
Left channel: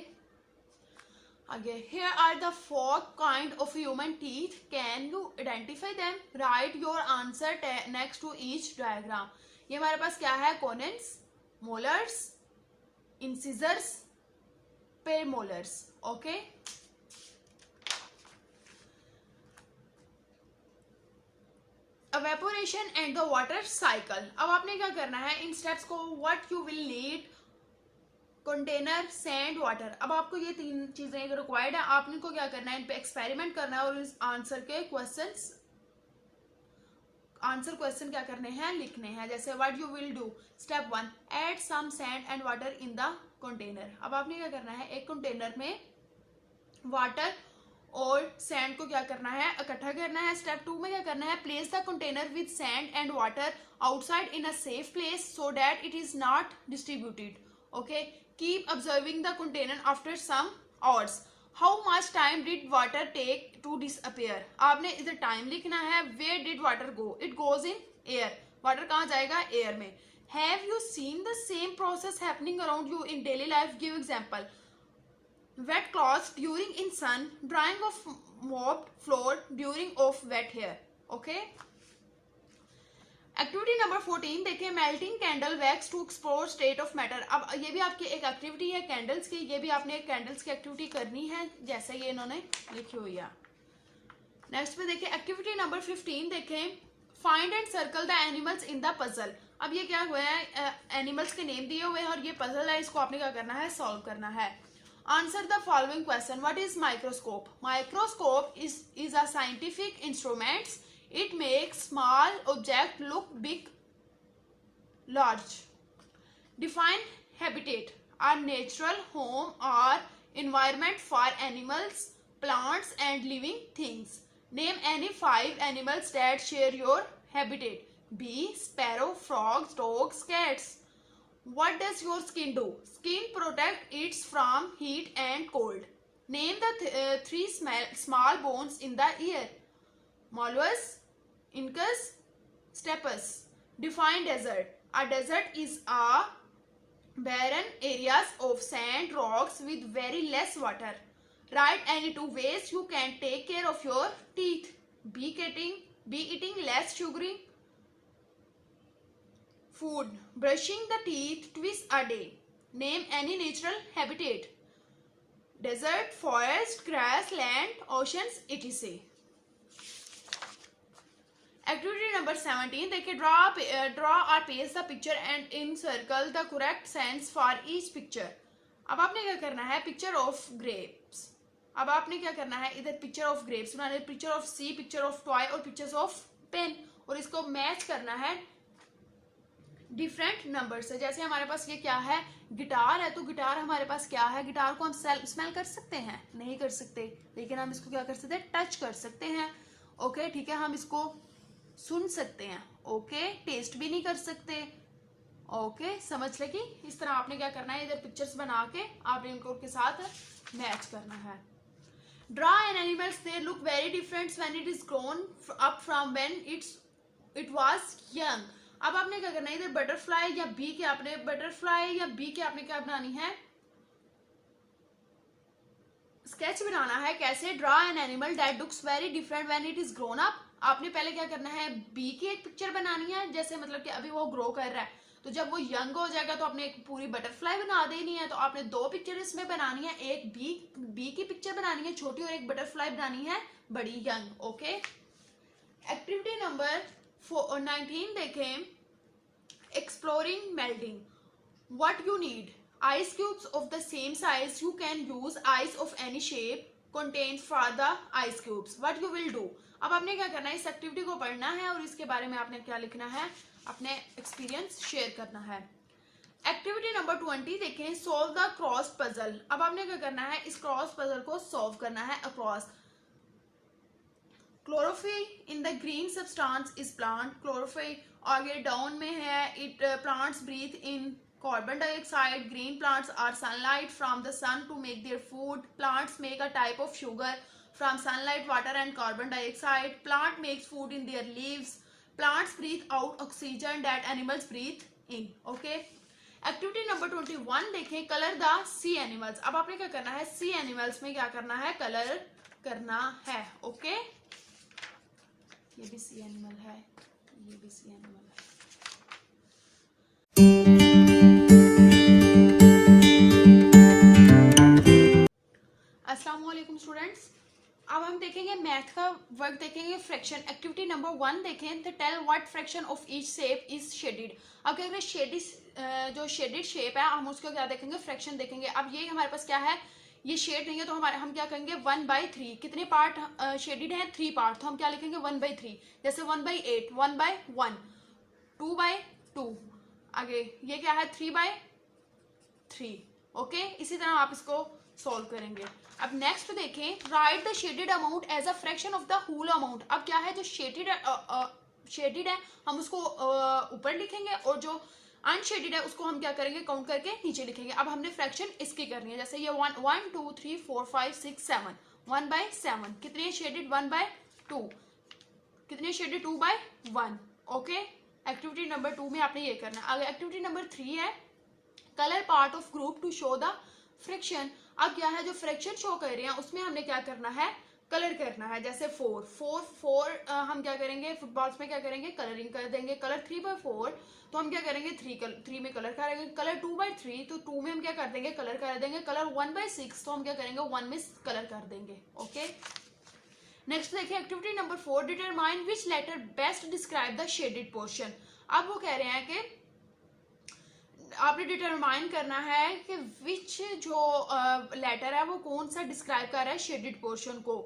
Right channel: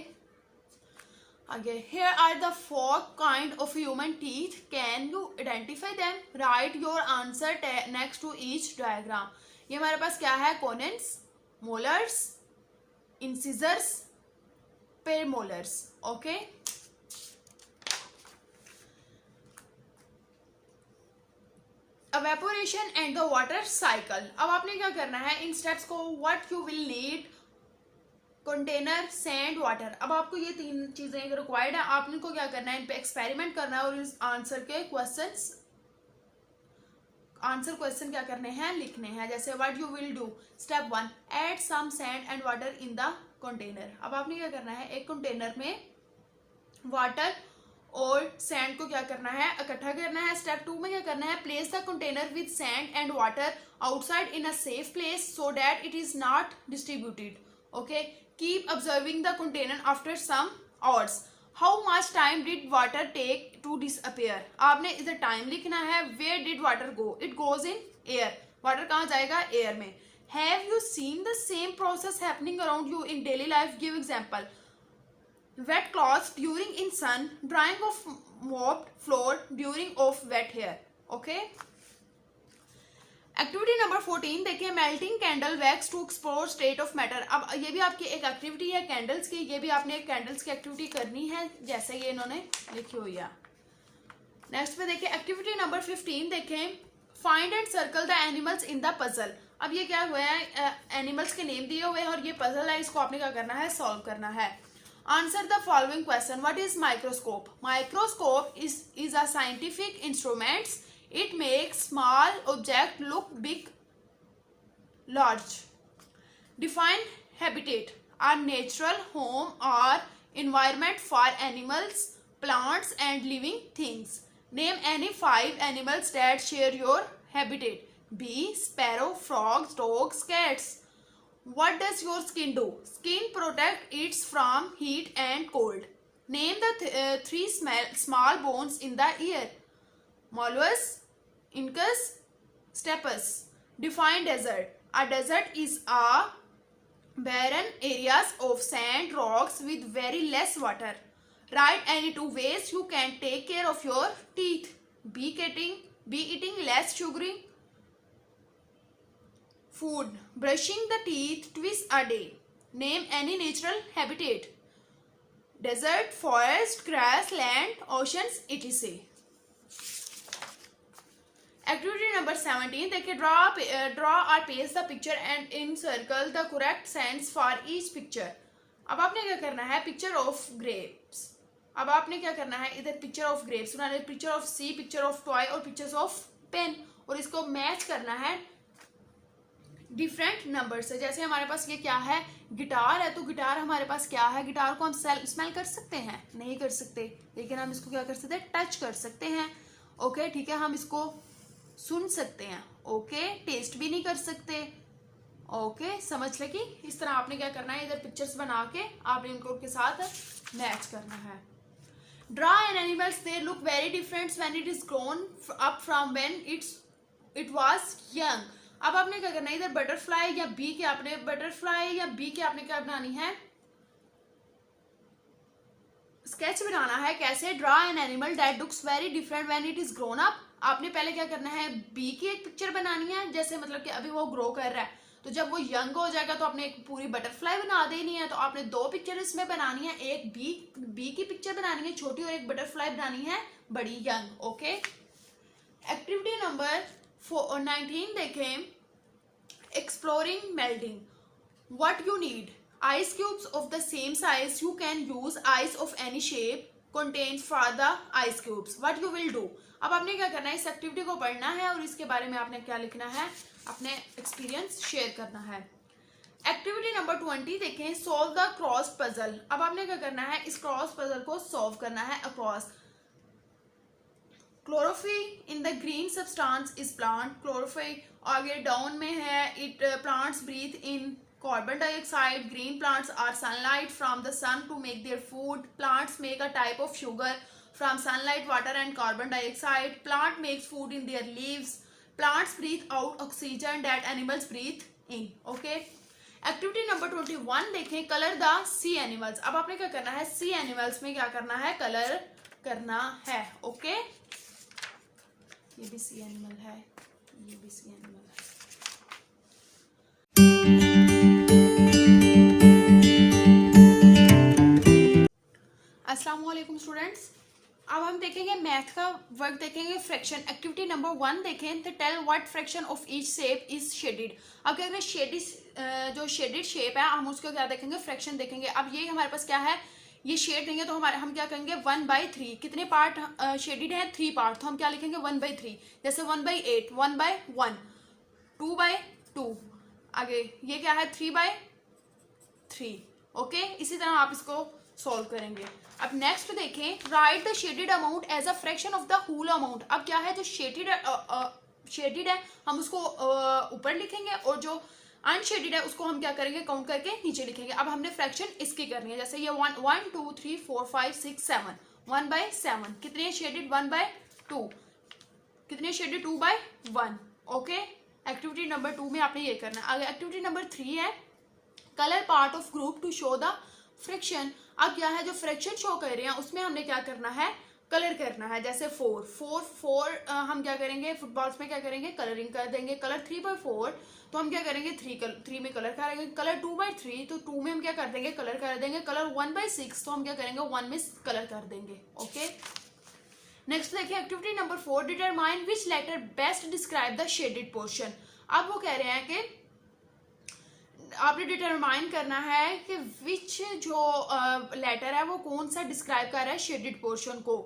आगे, here are the 4 kind of human teeth, can you identify them? Write your answer next to each diagram। ये हमारे पास क्या है, canines, molars, incisors, premolars. Okay, evaporation and the water cycle। अब आपने क्या करना है, इन स्टेप्स को, what you will need, container, sand, water. अब आपको ये 3 चीजें रिक्वायर्ड है, आपने को क्या करना है, इन पे एक्सपेरिमेंट करना है और इस आंसर के क्वेश्चन क्या करने हैं, लिखने हैं। जैसे what you will do, step 1, add some sand and water in the container. अब आपने क्या करना है, एक कंटेनर में वाटर और सैंड को क्या करना है, इकट्ठा करना है। स्टेप 2 में क्या करना है, place the container with sand and water outside in a safe place so that it is not distributed. Okay, keep observing the container after some hours. How much time did water take to disappear. आपने इधर time लिखना है। Where did water go, it goes in air. Water कहाँ जाएगा, air में। Have you seen the same process happening around you in daily life, give example. Wet cloths during in sun, drying of mopped floor during of wet hair। Okay, activity number 14 देखिए, melting candle wax to explore state of matter. अब ये भी आपकी एक activity है candles की, ये भी आपने कैंडल्स की एक्टिविटी करनी है जैसे ये इन्होंने लिखी हुई है। नेक्स्ट पे देखिए, एक्टिविटी नंबर 15 देखें, find and circle the animals in the puzzle. अब ये क्या हुआ है, एनिमल्स के नेम दिए हुए हैं और ये पजल है, इसको आपने क्या करना है, सॉल्व करना है। Answer the following question. What is microscope? Microscope is a scientific instrument. It makes small object look big, large. Define habitat. A natural home or environment for animals, plants and living things. Name any 5 animals that share your habitat. Bee, sparrow, frogs, dogs, cats. What does your skin do? Skin protect it from heat and cold. Name the 3 small bones in the ear. Mollusks, incus, stapes. Define desert. A desert is a barren areas of sand, rocks with very less water. Write any 2 ways you can take care of your teeth. Be eating less sugary food, brushing the teeth twice a day. Name any natural habitat. Desert, forest, grass, land, oceans, etc. Activity number 17 देखिए, draw or paste the picture and encircle the correct sense for each picture। अब आपने क्या करना है, picture of grapes. अब आपने क्या करना है, इधर पिक्चर ऑफ ग्रेप्स बनाना है, picture of sea, picture of toy और पिक्चर्स ऑफ पेन, और इसको मैच करना है डिफरेंट नंबर से। जैसे हमारे पास ये क्या है, गिटार है, तो गिटार हमारे पास क्या है, गिटार को हम स्मेल कर सकते हैं, नहीं कर सकते, लेकिन हम इसको क्या कर सकते हैं, टच कर सकते हैं। ओके ठीक है, हम इसको सुन सकते हैं। ओके, टेस्ट भी नहीं कर सकते। ओके समझ लगी। इस तरह आपने क्या करना है, इधर पिक्चर्स बना के आपने इनको के साथ मैच करना है। Draw N animals, they look very different when it is grown up from when it was young. अब आपने क्या करना है, इधर बटरफ्लाई या बी की आपने क्या बनानी है, स्केच बनाना है। कैसे, draw an animal that looks very different when it is grown up. आपने पहले क्या करना है, बी की एक पिक्चर बनानी है, जैसे मतलब कि अभी वो ग्रो कर रहा है, तो जब वो यंग हो जाएगा तो आपने एक पूरी बटरफ्लाई बना देनी है। तो आपने दो पिक्चर इसमें बनानी है, एक बी की पिक्चर बनानी है छोटी, और एक बटरफ्लाई बनानी है बड़ी, यंग। ओके, एक्टिविटी नंबर 19 देखें, exploring melting. What you need, ice cubes of the same size. You can use ice of any shape contained for the ice cubes. What you will do, अब आपने क्या करना है, इस activity को पढ़ना है और इसके बारे में आपने क्या लिखना है, अपने एक्सपीरियंस शेयर करना है। एक्टिविटी नंबर 20 देखें, सॉल्व द क्रॉस पजल। अब आपने क्या करना है, इस क्रॉस पजल को सॉल्व करना है। Across, chlorophyll in the green substance is plant. Chlorophyll आगे डाउन में है, it plants breathe in carbon dioxide. Green plants are sunlight from the sun to make their food. Plants make a type of sugar from sunlight, water and carbon dioxide. Plant makes food in their leaves. Plants breathe out oxygen that animals breathe in. Okay, activity number 21 देखें, colour the C animals. अब आपने क्या करना है, सी animals में क्या करना है, कलर करना है। ओके, ये भी सी एनिमल है, ये भी सी एनिमल है। अस्सलाम वालेकुम स्टूडेंट्स, अब हम देखेंगे मैथ का वर्क देखेंगे, फ्रैक्शन। एक्टिविटी नंबर 1 देखें, तो tell what fraction of each shape is shaded. अब क्या करें, जो शेडेड शेप है हम उसका क्या देखेंगे, फ्रैक्शन देखेंगे। अब ये हमारे पास क्या है, ये शेड देंगे तो हम क्या करेंगे, 1/3। कितने पार्ट शेडेड है, 3 पार्ट, तो हम क्या लिखेंगे, 1/3। जैसे 1/8, 1/1, 2/2। आगे ये क्या है, 3/3। ओके, इसी तरह आप इसको सॉल्व करेंगे। अब नेक्स्ट देखें, write the shaded amount as a fraction of the whole amount. अब क्या है, जो शेडेड है हम उसको ऊपर लिखेंगे, और जो अनशेडेड है उसको हम क्या करेंगे, काउंट करके नीचे लिखेंगे। अब हमने फ्रैक्शन इसकी करनी है, जैसे ये 1 2 3 4 5 6 7, 1/7। कितने शेडेड, 1/2। कितने शेडेड, 2/1। ओके, एक्टिविटी नंबर 2 में आपने ये करना है। आगे एक्टिविटी नंबर 3 है, colour part of group to show the fraction. अब क्या है, जो फ्रैक्शन शो कर रहे हैं उसमें हमने क्या करना है, कलर करना है। जैसे 4 हम क्या करेंगे, फुटबॉल्स में क्या करेंगे, कलरिंग कर देंगे। कलर 3/4 तो हम क्या करेंगे, 3 में कलर करेंगे। कलर 2/3 तो 2 में हम क्या कर देंगे, कलर कर देंगे। कलर 1/6 तो हम क्या करेंगे, 1 में कलर कर देंगे। ओके, नेक्स्ट देखिए activity number 4, determine which letter best describe the shaded portion. अब वो कह रहे हैं कि आपने डिटरमाइन करना है कि विच जो लेटर है वो कौन सा डिस्क्राइब कर रहा है शेडेड पोर्शन को।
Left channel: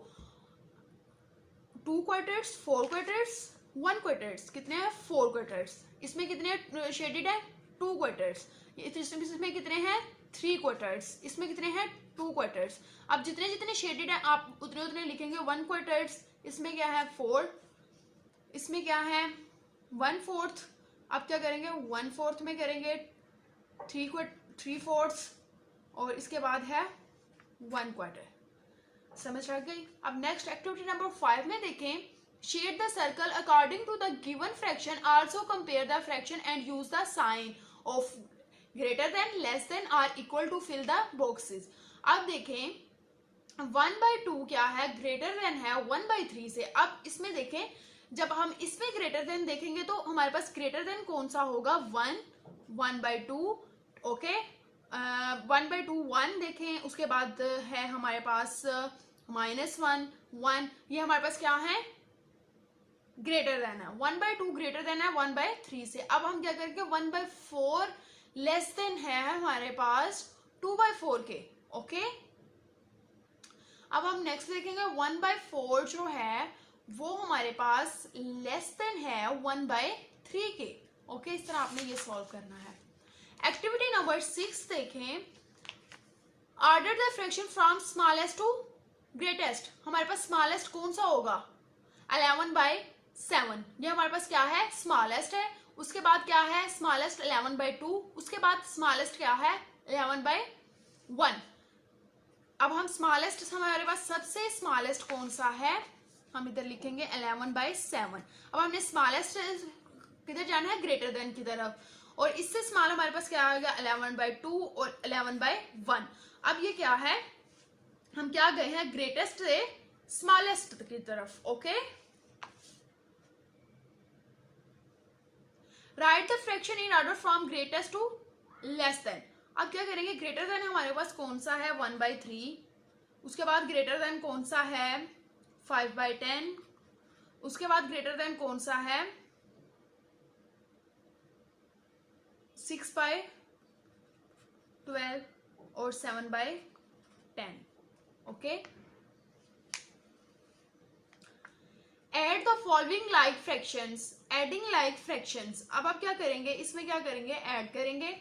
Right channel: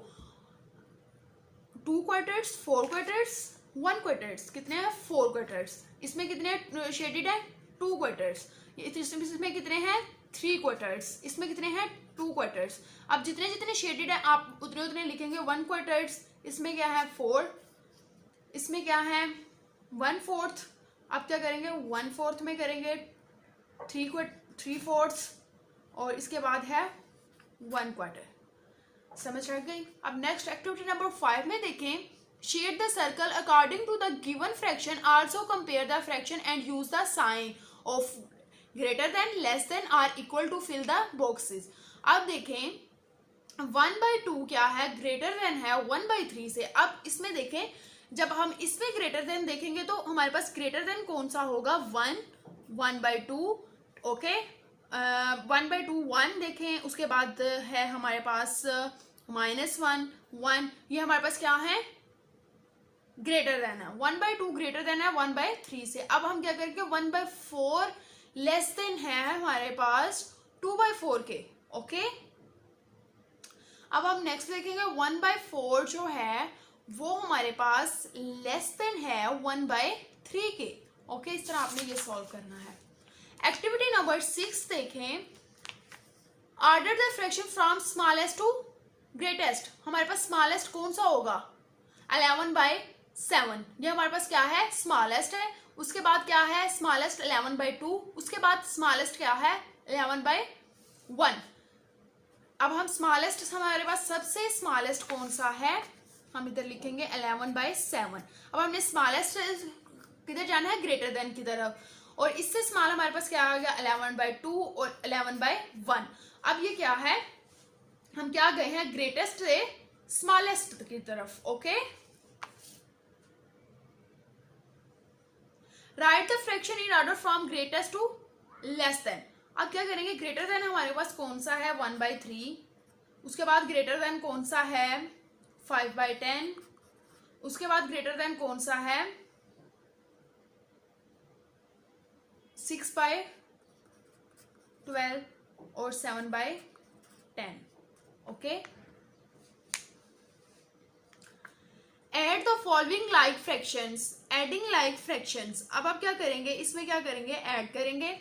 2 क्वार्टर्स, 4 क्वार्टर्स, 1 क्वार्टर्स। कितने हैं, 4 क्वार्टर्स। इसमें कितने शेडेड है, 2 क्वार्टर्स। इसमें कितने हैं, 3 क्वार्टर्स। इसमें कितने हैं, 2 क्वार्टर्स। अब जितने जितने शेडेड है आप उतने उतने लिखेंगे 1 क्वार्टर्स। इसमें क्या है, 4। इसमें क्या है, 1/4। अब क्या करेंगे, 1/4 में करेंगे 3/4, और इसके बाद है 1 क्वार्टर। समझ आ गई। अब नेक्स्ट एक्टिविटी नंबर 5 में देखें, shade the circle according to the given fraction, also compare the fraction and use the sign of greater than, less than और equal to fill the boxes. अब देखें 1/2 क्या है, ग्रेटर देन है 1/3 से। अब इसमें देखें, जब हम इसमें ग्रेटर देन देखेंगे तो हमारे पास ग्रेटर देन कौन सा होगा, 1/2। ओके, 1/2 1 देखें, उसके बाद है हमारे पास -1 1। ये हमारे पास क्या है, ग्रेटर देन है। 1/2 ग्रेटर देन है 1/3 से। अब हम क्या करेंगे, 1/4 लेस देन है हमारे पास 2/4 के। ओके, अब हम नेक्स्ट देखेंगे 1/4 जो है वो हमारे पास लेस देन है 1/3 के। ओके, इस तरह आपने ये सॉल्व करना है। एक्टिविटी नंबर 6 देखें, order the fraction from smallest to greatest. हमारे पास स्मॉलेस्ट कौन सा होगा? 11/7। ये हमारे पास क्या है? स्मॉलेस्ट है। उसके बाद क्या है? स्मॉलेस्ट 11/2। उसके बाद स्मॉलेस्ट क्या है? 11/1। अब हम स्मॉलेस्ट, हमारे पास सबसे स्मॉलेस्ट कौन सा है? हम इधर लिखेंगे 11/7। अब हमने स्मॉलेस्ट किधर जाना है? ग्रेटर देन की तरफ। और इससे स्मॉल हमारे पास क्या आ गया? 11/2 और 11/1। अब ये क्या है? हम क्या गए हैं? ग्रेटेस्ट से स्मॉलेस्ट की तरफ। Okay, write the fraction in order from greatest to less than. अब क्या करेंगे? ग्रेटर देन हमारे पास कौन सा है? 1/3। उसके बाद ग्रेटर देन कौन सा है? 5/10। उसके बाद ग्रेटर देन कौन सा है? 6/12 और 7/10। Okay, add the following like fractions, adding like fractions. अब आप क्या करेंगे? इसमें क्या करेंगे? ऐड करेंगे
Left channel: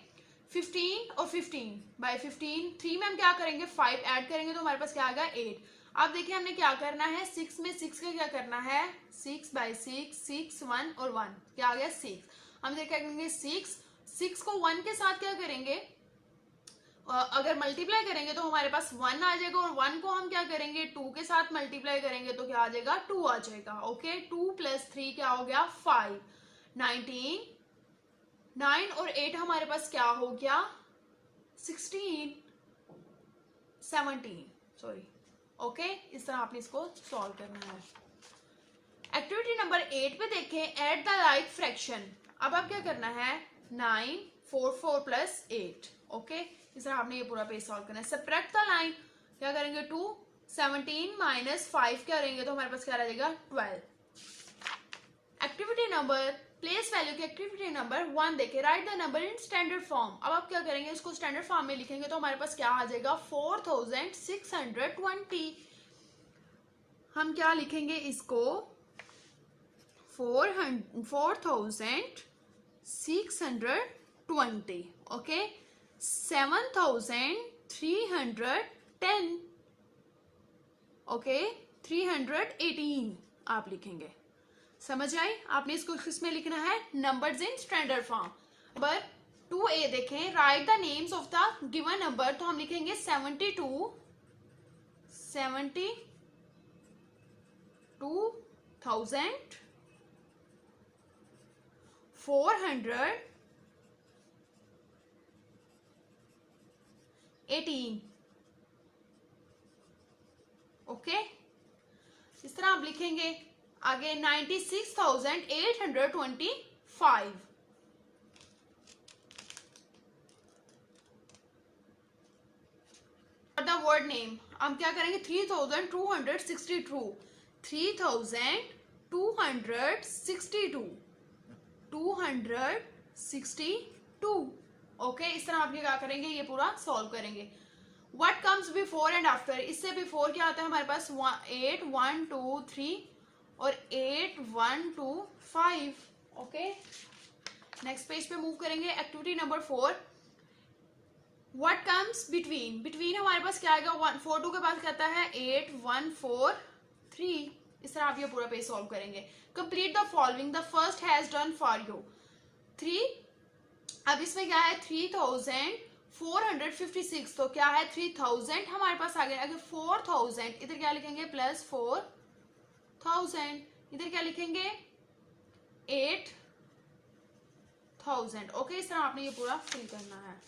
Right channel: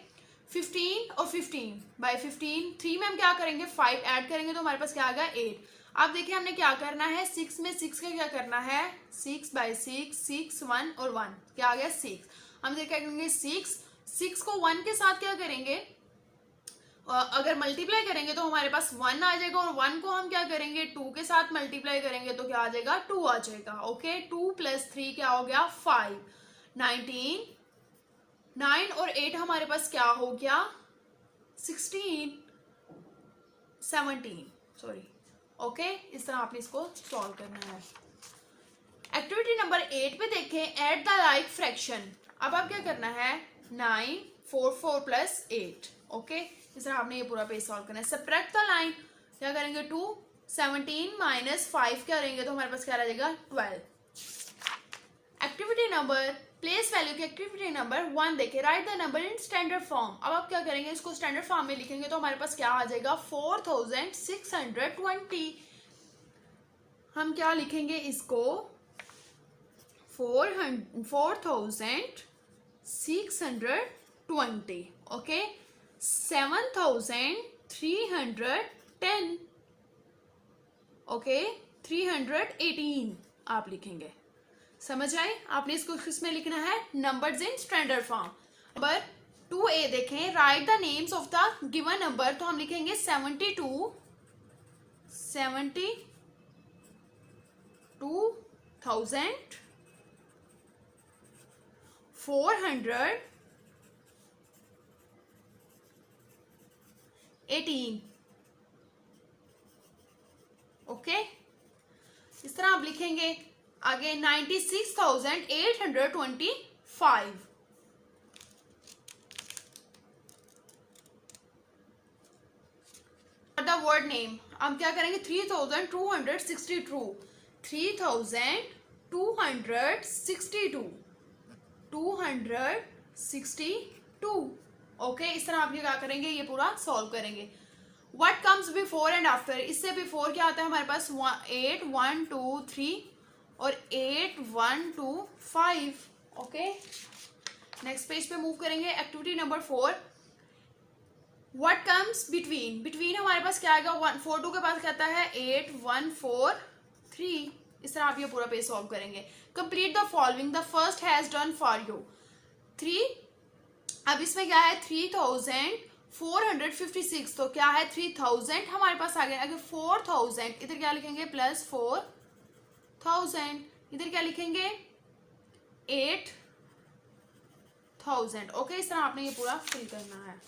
15 और 15/15। 3 में हम क्या करेंगे? 5 ऐड करेंगे तो हमारे पास क्या आ गया? 8। अब देखिए हमने क्या करना है? 6 में 6 का क्या करना है? 6/6, 6, 1 और 1 क्या आ गया? 6। हम क्या करेंगे? 6 को 1 के साथ क्या करेंगे? अगर मल्टीप्लाई करेंगे तो हमारे पास 1 आ जाएगा, और 1 को हम क्या करेंगे? 2 के साथ मल्टीप्लाई करेंगे तो क्या आ जाएगा? 2 आ जाएगा। ओके, 2 + 3 क्या हो गया? 5। 19, 9 और 8 हमारे पास क्या हो गया? 16, 17, सॉरी। ओके, इस तरह आपने इसको सॉल्व करना है। एक्टिविटी नंबर 8 पे देखें, ऐड द लाइक फ्रैक्शन। अब आप क्या करना है? 9, 4, 4 + 8। ओके, इस तरह आपने ये पूरा पेज सॉल्व करना है। सब्ट्रैक्ट द लाइन, क्या करेंगे? 2, 17 - 5 क्या रहेंगे तो हमारे पास क्या रहेगा? 12। एक्टिविटी नंबर प्लेस वैल्यू की एक्टिविटी नंबर 1 देखें, write the number in standard form. अब आप क्या करेंगे? इसको स्टैंडर्ड फॉर्म में लिखेंगे तो हमारे पास क्या आ जाएगा? 4620। हम क्या लिखेंगे इसको? 4620। ओके, 7310। ओके, 318 आप लिखेंगे। समझ आए? आपने इसको किसमें लिखना है? Numbers in standard form. Number 2A देखें, write the names of the given number. तो हम लिखेंगे 72, 72,418। ओके, इस तरह आप लिखेंगे। आगे 96,825। द वर्ड नेम हम क्या करेंगे? 3262। 3262। 262। ओके, इस तरह आप ये क्या करेंगे? ये पूरा सॉल्व करेंगे। What comes before and after. इससे बिफोर क्या आता है हमारे पास? 8, 1, 2, 3 और 8, 1, 2, 5। ओके, नेक्स्ट पेज पे मूव करेंगे। Activity number 4, what comes between. Between हमारे पास क्या आएगा? 142 के पास कहता है 8, 1, 4, 3। इस तरह आप ये पूरा पेज सॉल्व करेंगे। Complete the following, the first has done for you 3। अब इसमें क्या है? 3456। तो क्या है? 3000 हमारे पास आ गया। अगर 4000 इधर क्या लिखेंगे? +4000। इधर क्या लिखेंगे? 8000। ओके, इस तरह आपने ये पूरा फिल करना है।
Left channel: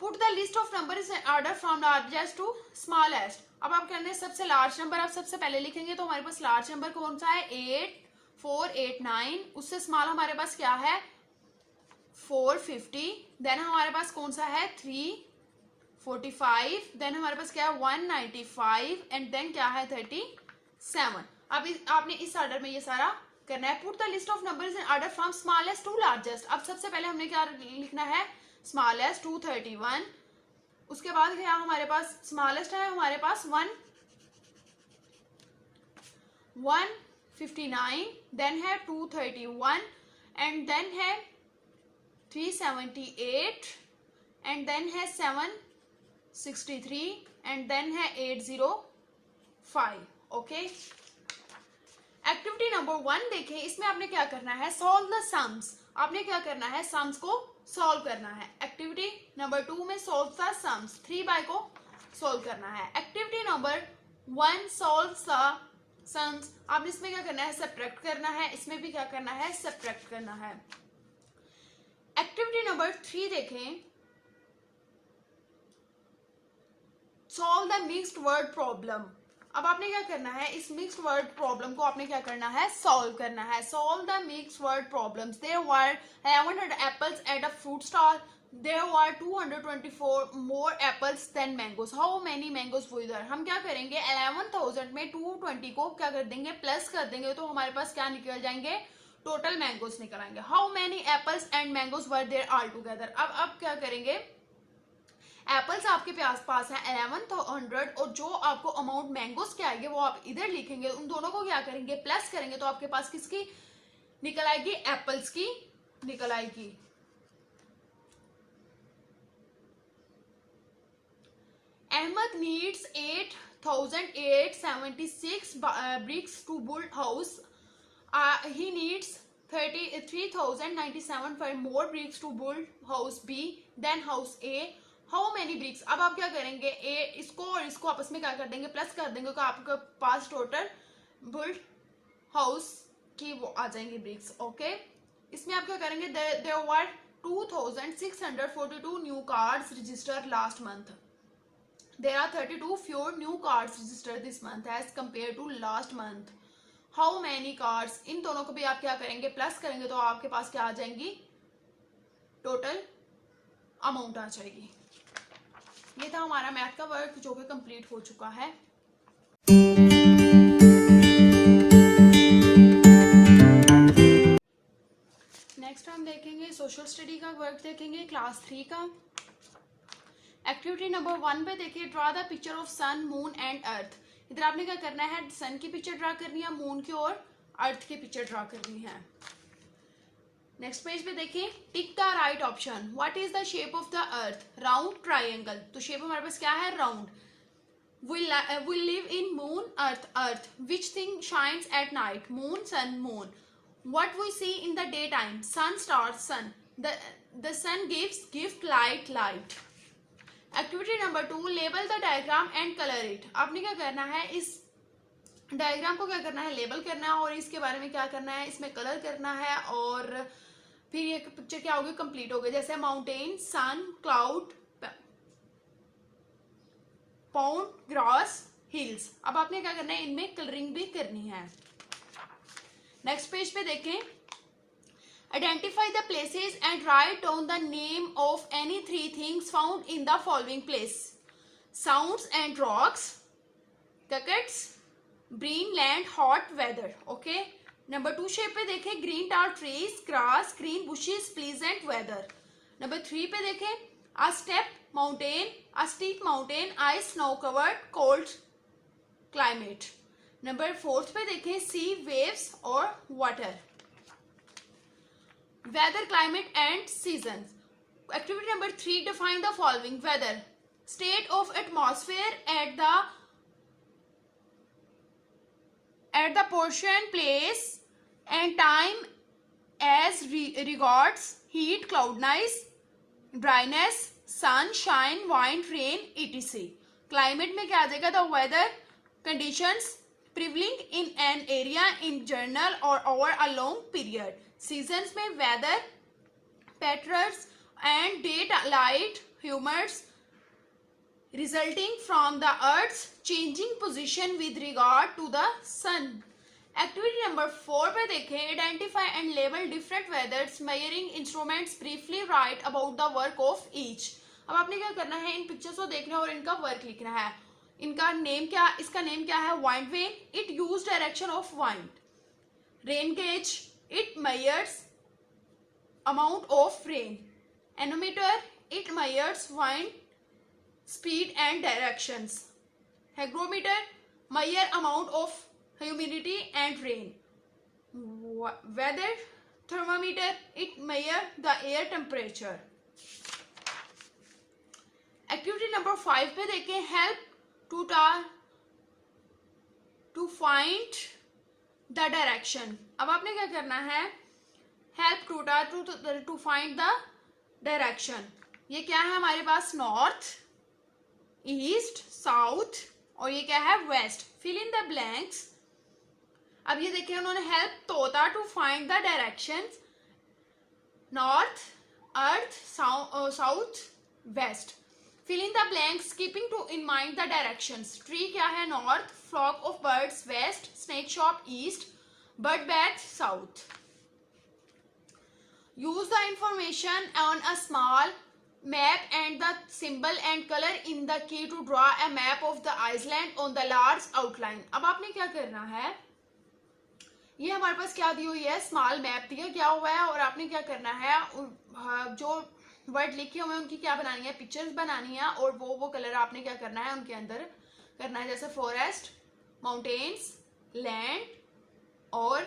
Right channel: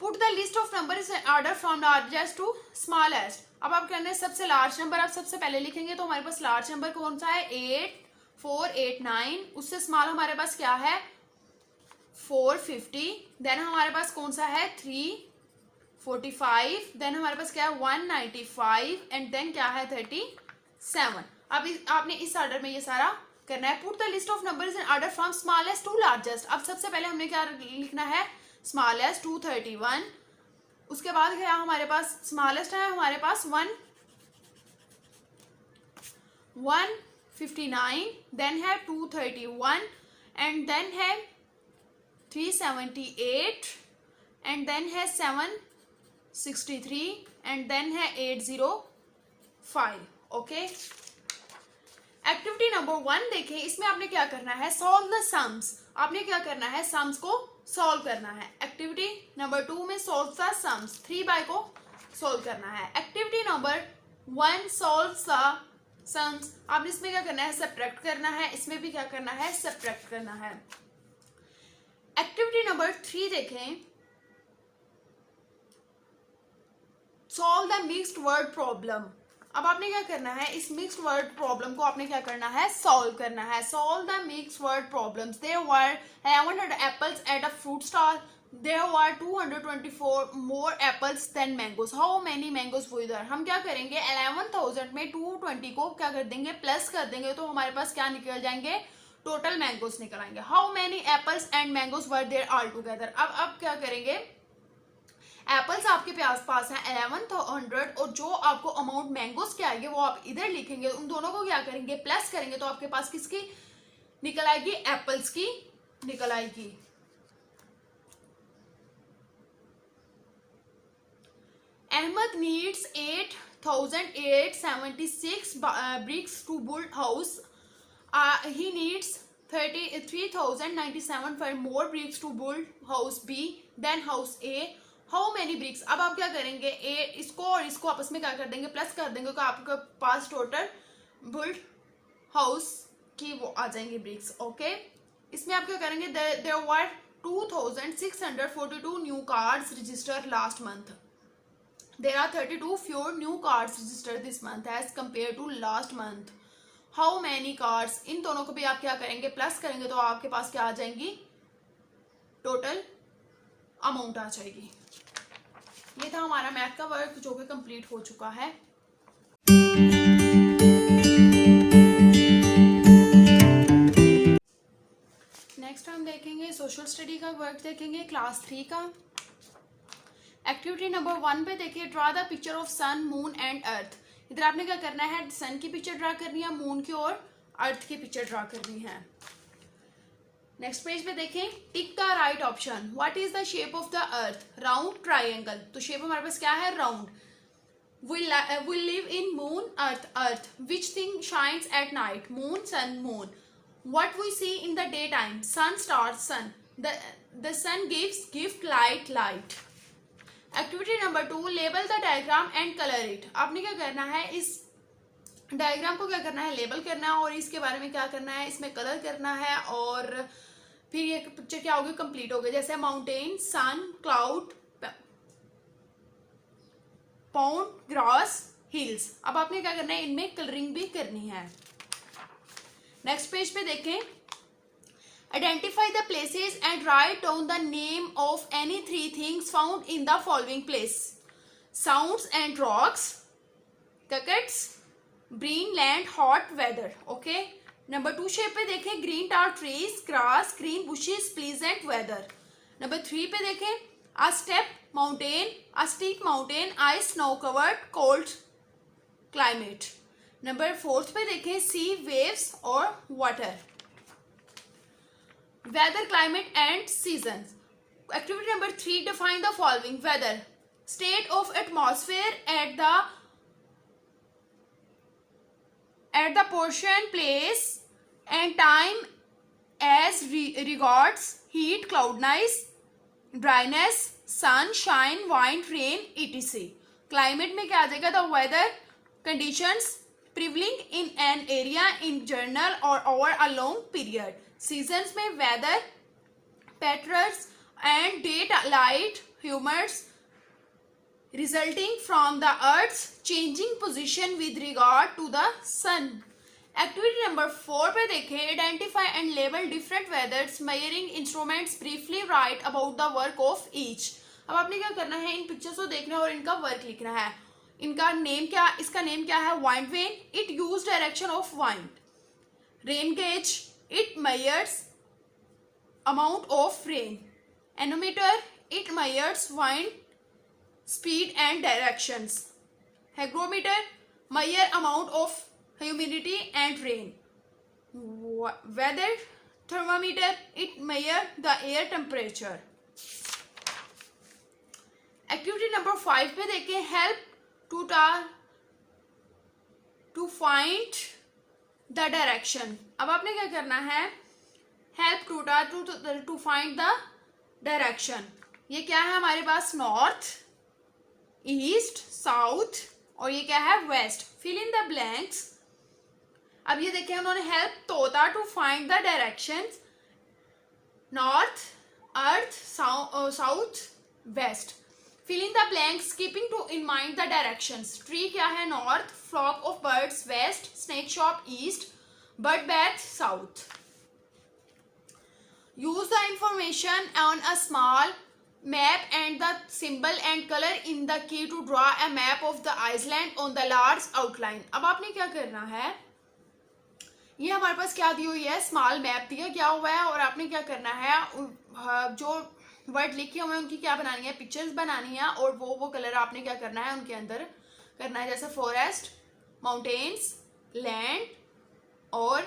Put the list of number is order from largest to smallest. अब आप कहते हैं सबसे लार्ज नंबर आप सबसे पहले लिखेंगे तो हमारे पास लार्ज नंबर कौन सा है? 8, 4, 8, 9। उससे स्मॉल हमारे पास क्या है? 450। देन हमारे पास कौन सा है? 345। देन हमारे पास क्या है? 195 एंड देन क्या है? 37। अब आपने इस ऑर्डर में ये सारा करना है। Put the list of numbers in order from smallest to largest. अब सबसे पहले हमने क्या लिखना है? स्मॉलेस्ट 231। उसके बाद क्या हमारे पास? स्मॉलेस्ट है हमारे पास 1 159, देन है 231 एंड देन है 378 एंड देन है 763 एंड देन है 805. ओके, एक्टिविटी नंबर 1 देखिए, इसमें आपने क्या करना है, सॉल्व द सम्स. आपने क्या करना है, सम्स को सॉल्व करना है. एक्टिविटी नंबर 2 में सॉल्व द सम्स, 3 बाय को सॉल्व करना है. Activity number 1 solve the sums. आपने इसमें क्या करना है, सब्ट्रैक्ट करना है. इसमें भी क्या करना है, सब्ट्रैक्ट करना है. एक्टिविटी नंबर 3 देखें, solve the mixed word problem. अब आपने क्या करना है, इस मिक्स्ड वर्ड प्रॉब्लम को आपने क्या करना है, सॉल्व करना है. Solve the mixed word problems. There were 1100 apples at a fruit stall. There were 224 more apples than mangoes. How many mangoes were there. हम क्या करेंगे, 11,000 में 220 को क्या कर देंगे, प्लस कर देंगे, तो हमारे पास क्या निकल जाएंगे, टोटल मैंगोज निकल आएंगे. How many apples and mangoes were there all together. अब क्या करेंगे, एप्पल्स आपके पास है 1100 और जो आपको अमाउंट मैंगोज के आएंगे वो आप इधर लिखेंगे. उन दोनों को क्या करेंगे, प्लस करेंगे, तो आपके पास किसकी निकल आएगी, एप्पल्स की निकल आएगी. Ahmed needs 8,876 bricks to build house. He needs 3,097 for more bricks to build house B than house A. How many bricks. अब आप क्या करेंगे, ए इसको और इसको आपस में क्या कर देंगे, प्लस कर देंगे, तो आपके पास टोटल बिल्ड हाउस की वो आ जाएंगे ब्रिक्स. ओके, इसमें आप क्या करेंगे, there were 2,642 new cards registered last month. There are 32 fewer new cards registered this month as compared to last month. How many cards. इन दोनों को भी आप क्या करेंगे, प्लस करेंगे, तो आपके पास क्या आ जाएंगी, टोटल अमाउंट आ जाएगी. ये था हमारा मैथ का वर्क जो कि कंप्लीट हो चुका है. नेक्स्ट हम देखेंगे सोशल स्टडी का वर्क, देखेंगे क्लास 3 का. एक्टिविटी नंबर 1 पे देखिए, draw the picture of sun moon and earth. इधर आपने क्या करना है, सन की पिक्चर ड्रा करनी है, मून की और अर्थ की पिक्चर ड्रा करनी है. नेक्स्ट पेज पे देखें, tick the right option. What is the shape of the earth, round, triangle. तो शेप हमारे पास क्या है, round. we live in moon, earth. which thing shines at night, moon, sun, moon. what we see in the daytime, sun, stars, sun. the sun gives light. Activity number 2, label the diagram and colour it. आपने क्या करना है, इस diagram को क्या करना है, label करना है, और इसके बारे में क्या करना है, इसमें कलर करना है, और फिर ये पिक्चर क्या होगी, कंप्लीट हो गई. जैसे माउंटेन, सन, क्लाउड, पाउंड, ग्रास, हिल्स. अब आपने क्या करना है, इनमें कलरिंग भी करनी है. नेक्स्ट पेज पे देखें, identify the places and write down the name of any 3 things found in the following place. Sands and rocks, crickets, green land, hot weather. Okay, number 2 shape पे देखें, green tall trees, grass, green bushes, pleasant weather. Number 3 पे देखें, a step mountain, a steep mountain, ice, snow covered, cold climate. Number 4 पे देखें, sea, waves और water. Weather, climate and season. Activity number 3, define the following. Weather, state of atmosphere at the portion, place and time as regards heat, cloudiness, dryness, sun, shine, wind, rain, etc. Climate में क्या आ जाएगा, the weather conditions prevailing in an area in general or over a long period. Seasons में weather patterns and daylight humors resulting from the earth's changing position with regard to the sun. Activity number 4 पे देखें, identify and label different वेदर्स measuring instruments, briefly right about the work of each. अब आपने क्या करना है, इन pictures को देखना है और इनका वर्क लिखना है. इनका नेम क्या, इसका नेम क्या है, wind when. It use direction of wind. Rain gauge, it measures amount of rain. Nanometre, it measures wind speed and directions. Hygrometer, measure amount of humidity and rain. Weather thermometer, it measure the air temperature. Activity number 5 पे देखें, help to find the direction. अब आपने क्या करना है, help to find the direction. ये क्या है हमारे पास, नॉर्थ, ईस्ट, साउथ और ये क्या है, west. Fill in the blanks. अब ये देखें उन्होंने हेल्प तोता to find the direction, north, earth, south, west. Fill in the blanks keeping in mind the directions. Tree क्या है, north, flock of birds west, snake shop east, bird bath south. Use the information on a small map and the symbol and color in the key to draw a map of the Iceland on the large outline. अब आपने क्या करना है, ये हमारे पास क्या दी हुई है, स्मॉल मैप दिया गया हुआ है और आपने क्या करना है, जो वर्ड लिखे हुए हैं उनकी क्या बनानी है, पिक्चर्स बनानी है और वो कलर आपने क्या करना है उनके अंदर करना है, जैसे फॉरेस्ट, माउंटेन्स, लैंड और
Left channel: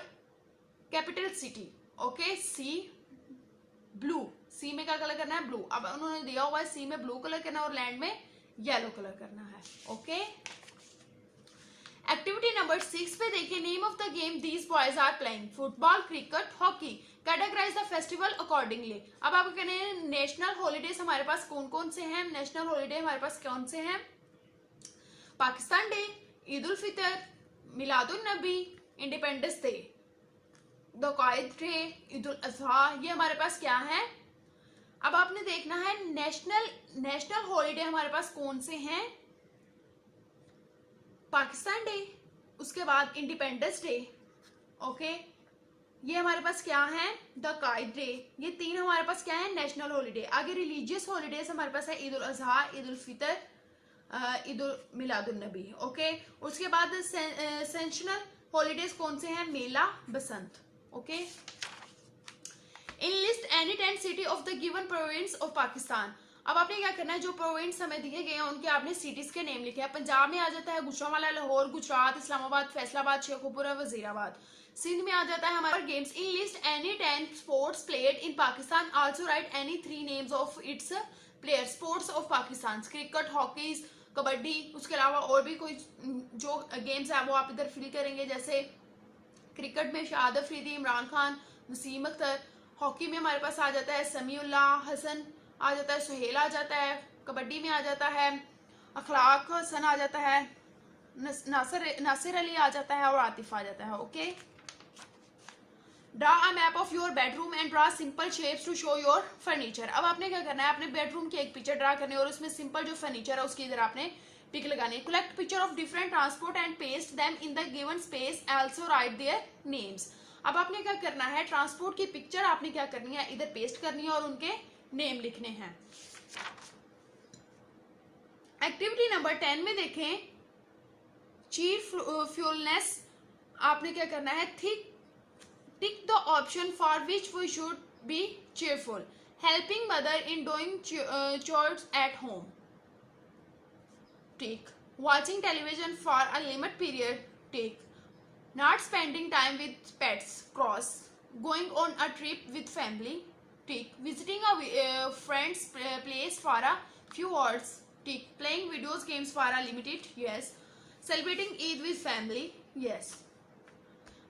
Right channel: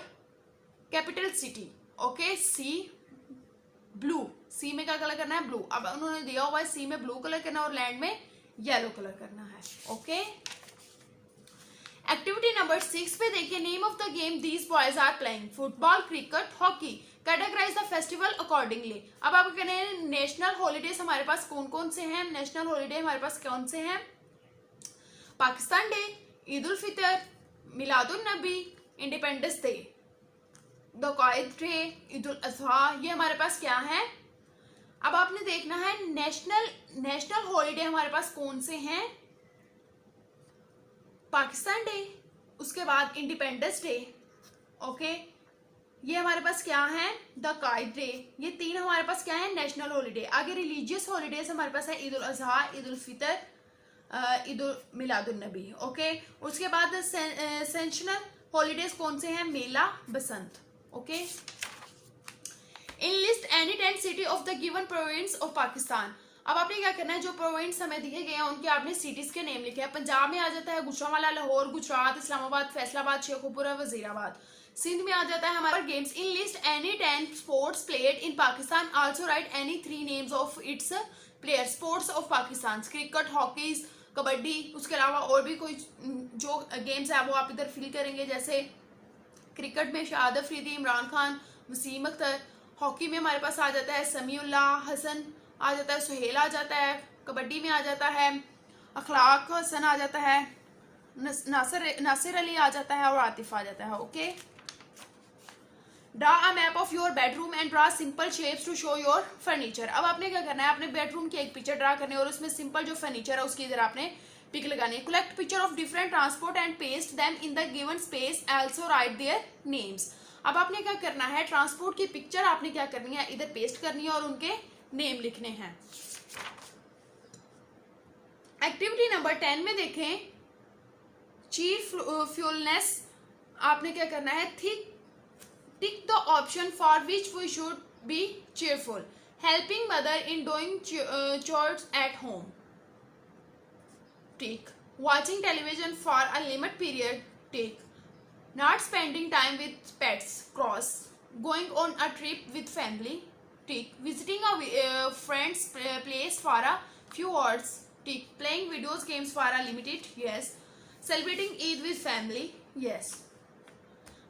कैपिटल सिटी। ओके, सी ब्लू, सी में क्या कलर करना है, ब्लू। अब उन्होंने दिया हुआ है सी में ब्लू कलर करना और लैंड में येलो कलर करना है। ओके, एक्टिविटी नंबर 6 पे देखिए, name of the game these boys are playing, football, cricket, hockey, categorise the festival accordingly. अब आपको कहना है नेशनल हॉलीडेज हमारे पास कौन कौन से हैं, नेशनल हॉलीडे हमारे पास कौन से हैं, Pakistan Day, Eid ul Fitr, Miladun Nabi, Independence Day, the Quaid Day, Eid ul Azha, ये हमारे पास क्या है। अब आपने देखना है नेशनल हॉलीडे हमारे पास कौन से हैं, पाकिस्तान डे, उसके बाद इंडिपेंडेंस डे, ओके, ये हमारे पास क्या है, द कायद डे। ये तीन हमारे पास क्या है, नेशनल हॉलीडे। आगे रिलीजियस हॉलीडेज हमारे पास है ईद उल अजहा, ईद उल फितर, ईद उल मिलादुन नबी। ओके, उसके बाद सेंशनल हॉलीडेज कौन से हैं, mela, Basant. Okay, enlist any 10 city of the given province of Pakistan. अब आपने क्या करना है, जो प्रोविंस हमें दिए गए हैं उनके आपने सिटीज के नेम लिखे हैं। पंजाब में आ जाता है गुजरांवाला, लाहौर, गुजरात, इस्लामाबाद, फैसलाबाद, शेखुपुरा, वजीराबाद। सिंध में आ जाता है हमारा games. In list any 10 sports played in Pakistan, also right any 3 names of its player. Sports of Pakistan, cricket, hockey, kabaddi, उसके अलावा और भी कोई जो गेम्स है वो आप इधर फिल करेंगे। जैसे क्रिकेट में शाहिद अफरीदी, इमरान खान, वसीम अख्तर। हॉकी में हमारे पास आ जाता है समीउल्लाह हसन आ जाता है, सुहेल आ जाता है। कबड्डी में आ जाता है अखलाक हसन आ जाता है, नासिर अली आ जाता है और आतिफ आ जाता है। Okay, draw a map of your bedroom and draw simple shapes to show your furniture. अब आपने क्या करना है, अपने बेडरूम की एक पिक्चर ड्रा करनी है और उसमें सिंपल जो फर्नीचर है उसकी इधर आपने टिक लगानी है। Collect picture of different transport and paste them in the given space, also right their names. अब आपने क्या करना है, ट्रांसपोर्ट की पिक्चर आपने क्या करनी है, इधर पेस्ट करनी है और उनके नेम लिखने हैं। एक्टिविटी नंबर 10 में देखें, चीयरफुलनेस। आपने क्या करना है, tick the option for which we should be cheerful, helping mother in doing chores at home, tick, watching television for a limit period, tick, not spending time with pets, cross, going on a trip with family, tick, visiting a friend's place for a few hours, tick, playing video games for a limited, yes, celebrating Eid with family, yes.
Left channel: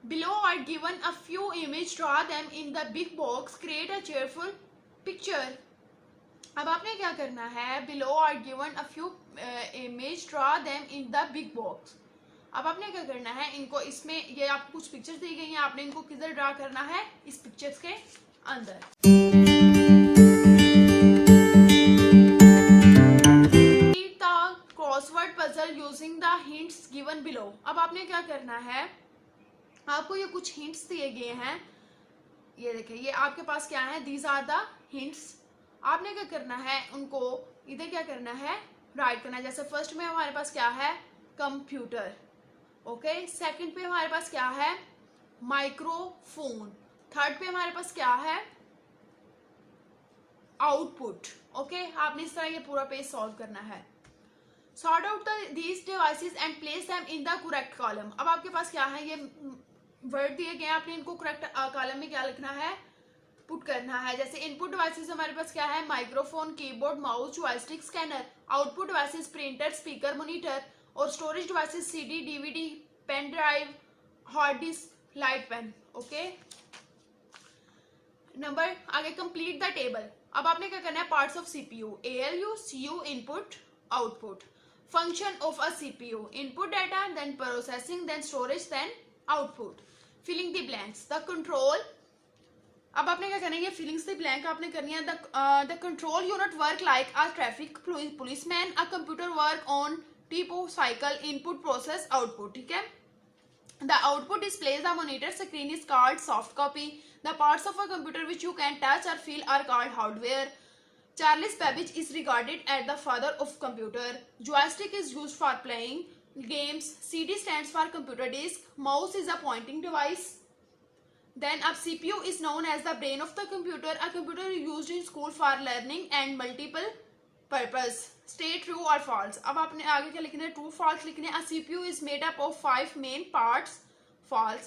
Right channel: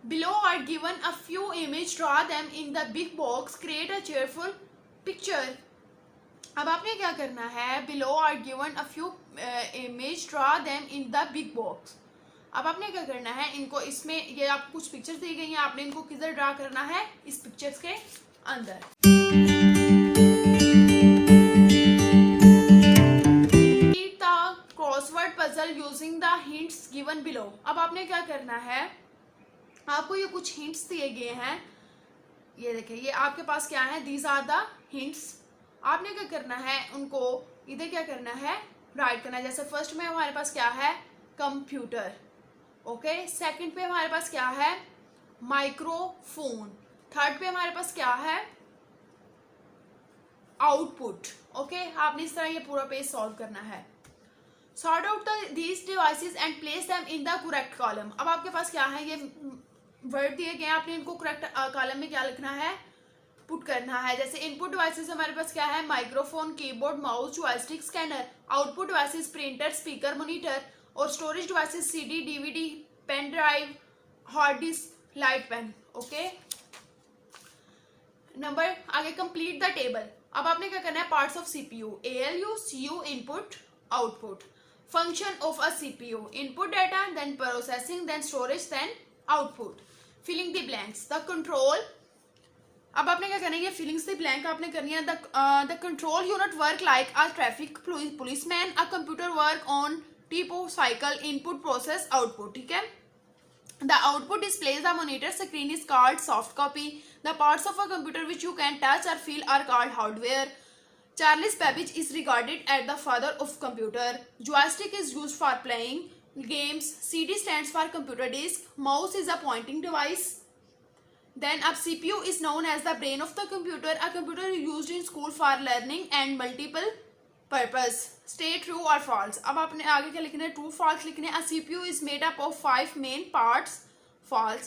Below are given a few images, draw them in the big box, create a cheerful picture. अब आपने क्या करना है, below are given a few images, draw them in the big box. अब आपने क्या करना है, इनको इसमें ये आपको कुछ पिक्चर्स दी गई हैं, आपने इनको किधर ड्रा करना है, इस पिक्चर्स के अंदर। Complete the crossword puzzle using the hints given below. अब आपने क्या करना है, आपको ये कुछ हिंट्स दिए गए हैं, ये देखिए ये आपके पास क्या है, दीज आर द हिंट्स। आपने क्या करना है, उनको इधर क्या करना है, राइट करना है। जैसे फर्स्ट में हमारे पास क्या है, कंप्यूटर, ओके, सेकंड पे हमारे पास क्या है, माइक्रोफोन, थर्ड पे हमारे पास क्या है, आउटपुट। ओके, आपने इस तरह ये पूरा पेज सॉल्व करना है। Sort out these devices and place them in the correct column. अब आपके पास क्या है, ये वर्ड दिए गए हैं, आपने इनको करेक्ट कॉलम में क्या लिखना है, पुट करना है। जैसे इनपुट डिवाइसेस हमारे पास क्या है, microphone, keyboard, mouse, joystick, scanner. Output devices printer, speaker, monitor. और storage devices CD, DVD, pen drive, hard disk, light pen. Okay, number आगे कंप्लीट द टेबल। अब आपने क्या करना है, parts of CPU, ALU, CU, input, output. Function of a CPU, input data, then processing, then storage, then output. Filling the blanks, the control. अब आपने क्या करना है, ये फिलिंग्स द ब्लैंक आपने करनी है। The control unit work like a traffic policeman, a computer work on टीपो साइकिल, इनपुट, प्रोसेस, आउटपुट। ठीक है, the output displays the monitor screen is called soft copy. The parts of a computer which you can touch or feel are called hardware. Charles Babbage is regarded as the father of computer. Joystick is used for playing games. CD stands for computer disk. Mouse is a pointing device. Then a CPU is known as the brain of the computer. A computer is used in school for learning and multiple purpose. Stay true or false. अब आपने आगे क्या लिखना है, true false लिखने। A CPU is made up of 5 main parts. False.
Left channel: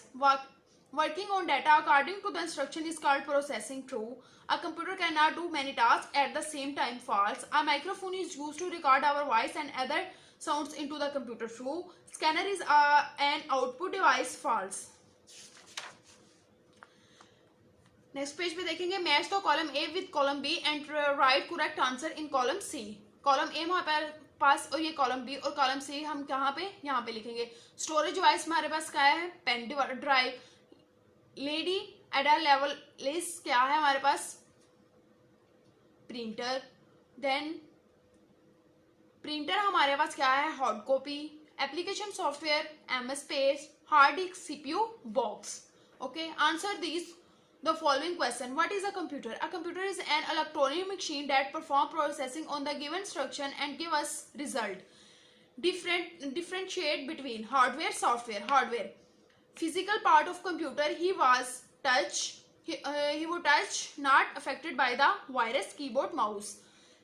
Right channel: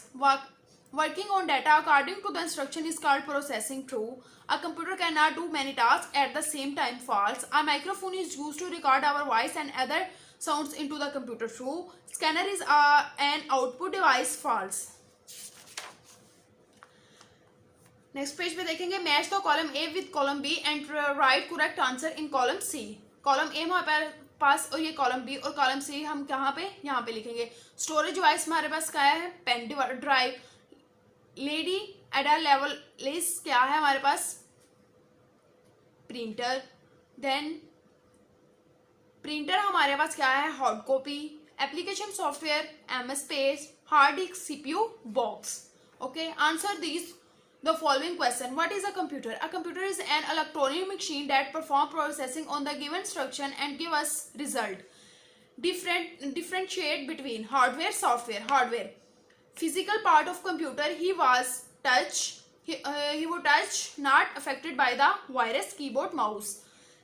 Working on data according to the instruction is called processing. True. A computer cannot do many tasks at the same time. False. A microphone is used to record our voice and other sounds into the computer. True. Scanner is an output device. False. Next page पे देखेंगे, match the column A with column B and write correct answer in column C. Column A हमारे पास और ये column B, और column C हम कहाँ पे, यहाँ पे लिखेंगे। स्टोरेज डिवाइस हमारे पास क्या है, पेन ड्राइव। लेडी एडा लेवल लिस्ट क्या है हमारे पास, प्रिंटर। देन प्रिंटर हमारे पास क्या है, hard copy. Application software, MS page. Hard disk, CPU, box. Okay, answer this the following question. What is a computer? A computer is an electronic machine that perform processing on the given instruction and give us result. Differentiate between hardware, software. Hardware, physical part of computer. He was touch. He would touch, not affected by the virus. Keyboard, mouse.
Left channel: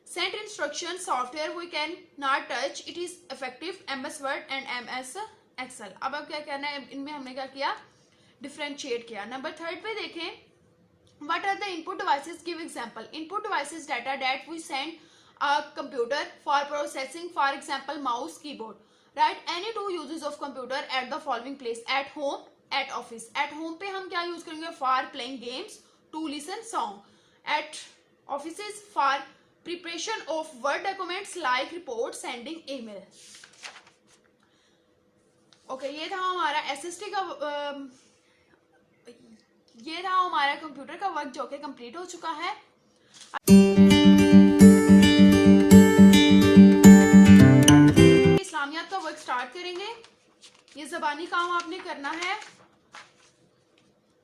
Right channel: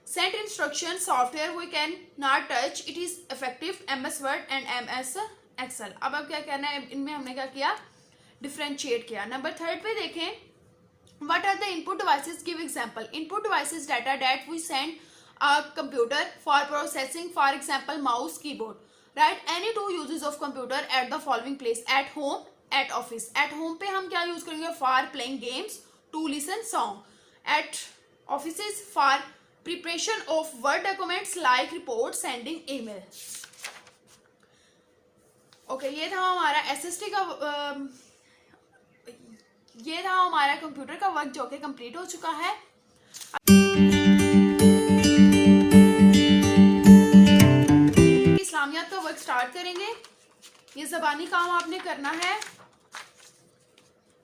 Send instruction. Software we can not touch. It is effective. MS Word and MS Excel. अब क्या करना है, इनमें हमने क्या किया, differentiate किया। Number 3 पे देखें, what are the input devices? Give example. Input devices data that we send a computer for processing, for example mouse, keyboard. Write any 2 uses of computer at the following place: at home, at office. At home पे हम क्या use करेंगे, for playing games, to listen song. At offices for preparation of word documents like report, sending email. Okay, ये था हमारा SST का ये रहा हमारा कंप्यूटर का वर्क जो कि कंप्लीट हो चुका है। इस्लामियात का वर्क स्टार्ट करेंगे। ये ज़बानी काम आपने करना है।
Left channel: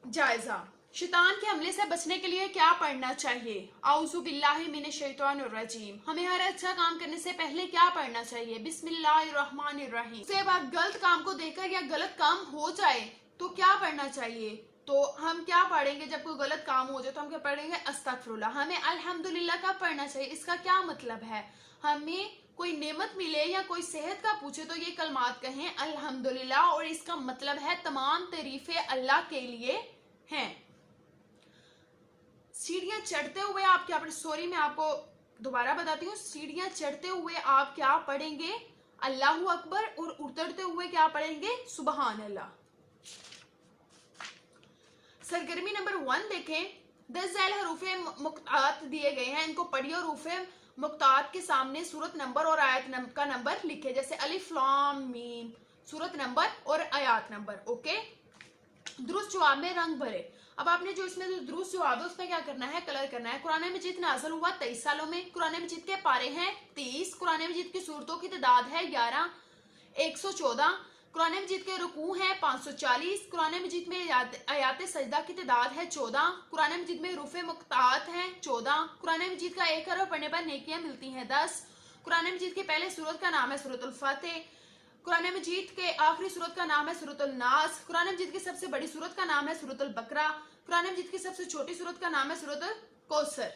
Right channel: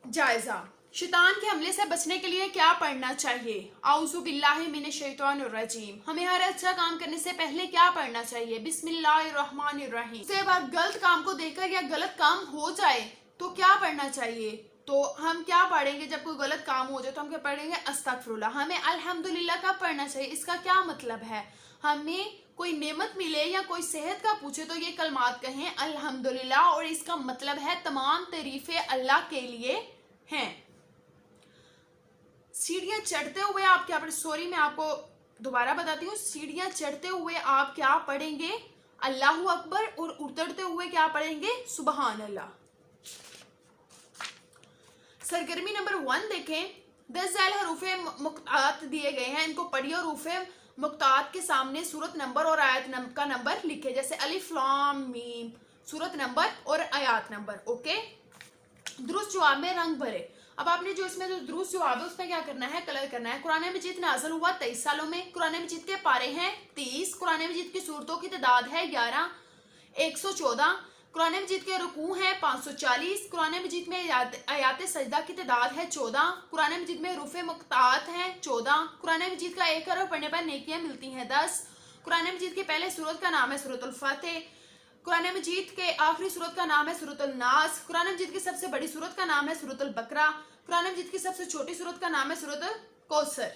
जायजा, शैतान के हमले से बचने के लिए क्या पढ़ना चाहिए? आऊज़ु बिल्लाहि मिनश शैतानिर रजीम। हमें हर अच्छा काम करने से पहले क्या पढ़ना चाहिए? बिस्मिल्लाहिर्रहमानिर्रहीम। से बात गलत काम को देखकर या गलत काम हो जाए तो क्या पढ़ना चाहिए? तो हम क्या पढ़ेंगे, जब कोई गलत काम हो जाए तो हम क्या पढ़ेंगे, अस्तगफिरुल्लाह। हमें अल्हम्दुलिल्लाह कब पढ़ना चाहिए, इसका क्या मतलब है? हमें कोई नेमत मिले या कोई सेहत का पूछे तो ये कलमात कहें अल्हम्दुलिल्लाह, और इसका मतलब है तमाम तारीफें अल्लाह के लिए हैं। सीढ़ियां चढ़ते हुए आप क्या पढ़ें, सॉरी मैं आपको दोबारा बताती हूँ। सीढ़ियां चढ़ते हुए आप क्या पढ़ेंगे, अल्लाहू अकबर, और उतरते हुए क्या पढ़ेंगे, सुबहान अल्लाह। सरगर्मी नंबर 1 देखें, 10 झैल हरूफे मुक्तात दिए गए हैं, इनको पढ़िए और हरूफे मुक्तात के सामने सूरत नंबर और आयत का नंबर लिखे। जैसे अलिफ लाम मीम, सूरत नंबर और आयत नंबर। ओके, दुरुस्त जवाब में रंग भरे। अब आपने जो इसमें जो दुरुस्त जवाब है उसमें क्या करना है, कलर करना है। कुरान मजीद नाज़िल हुआ 23 सालों में। कुरान मजीद के पारे हैं 30। कुरान मजीद की सूरतों की तादाद है 11, 114। कुरान मजीद के रुकू हैं 540। कुरान मजीद में आयात सजदा की तादाद है 14। कुरान मजीद में रूफ़े मुक्तात हैं 14। कुरान मजीद का एक हरफ पढ़ने पर नेकियां मिलती हैं 10। कुरान मजीद के पहले सूरत का नाम है सूरतुल फातिह। कुरान मजीद के आखिरी सूरत का नाम है सूरतुल नास। कुरान मजीद की सबसे बड़ी सूरत का नाम है सूरतुल बकरा। कुरान मजीद की सबसे छोटी सूरत का नाम है सूरतुल कौसर।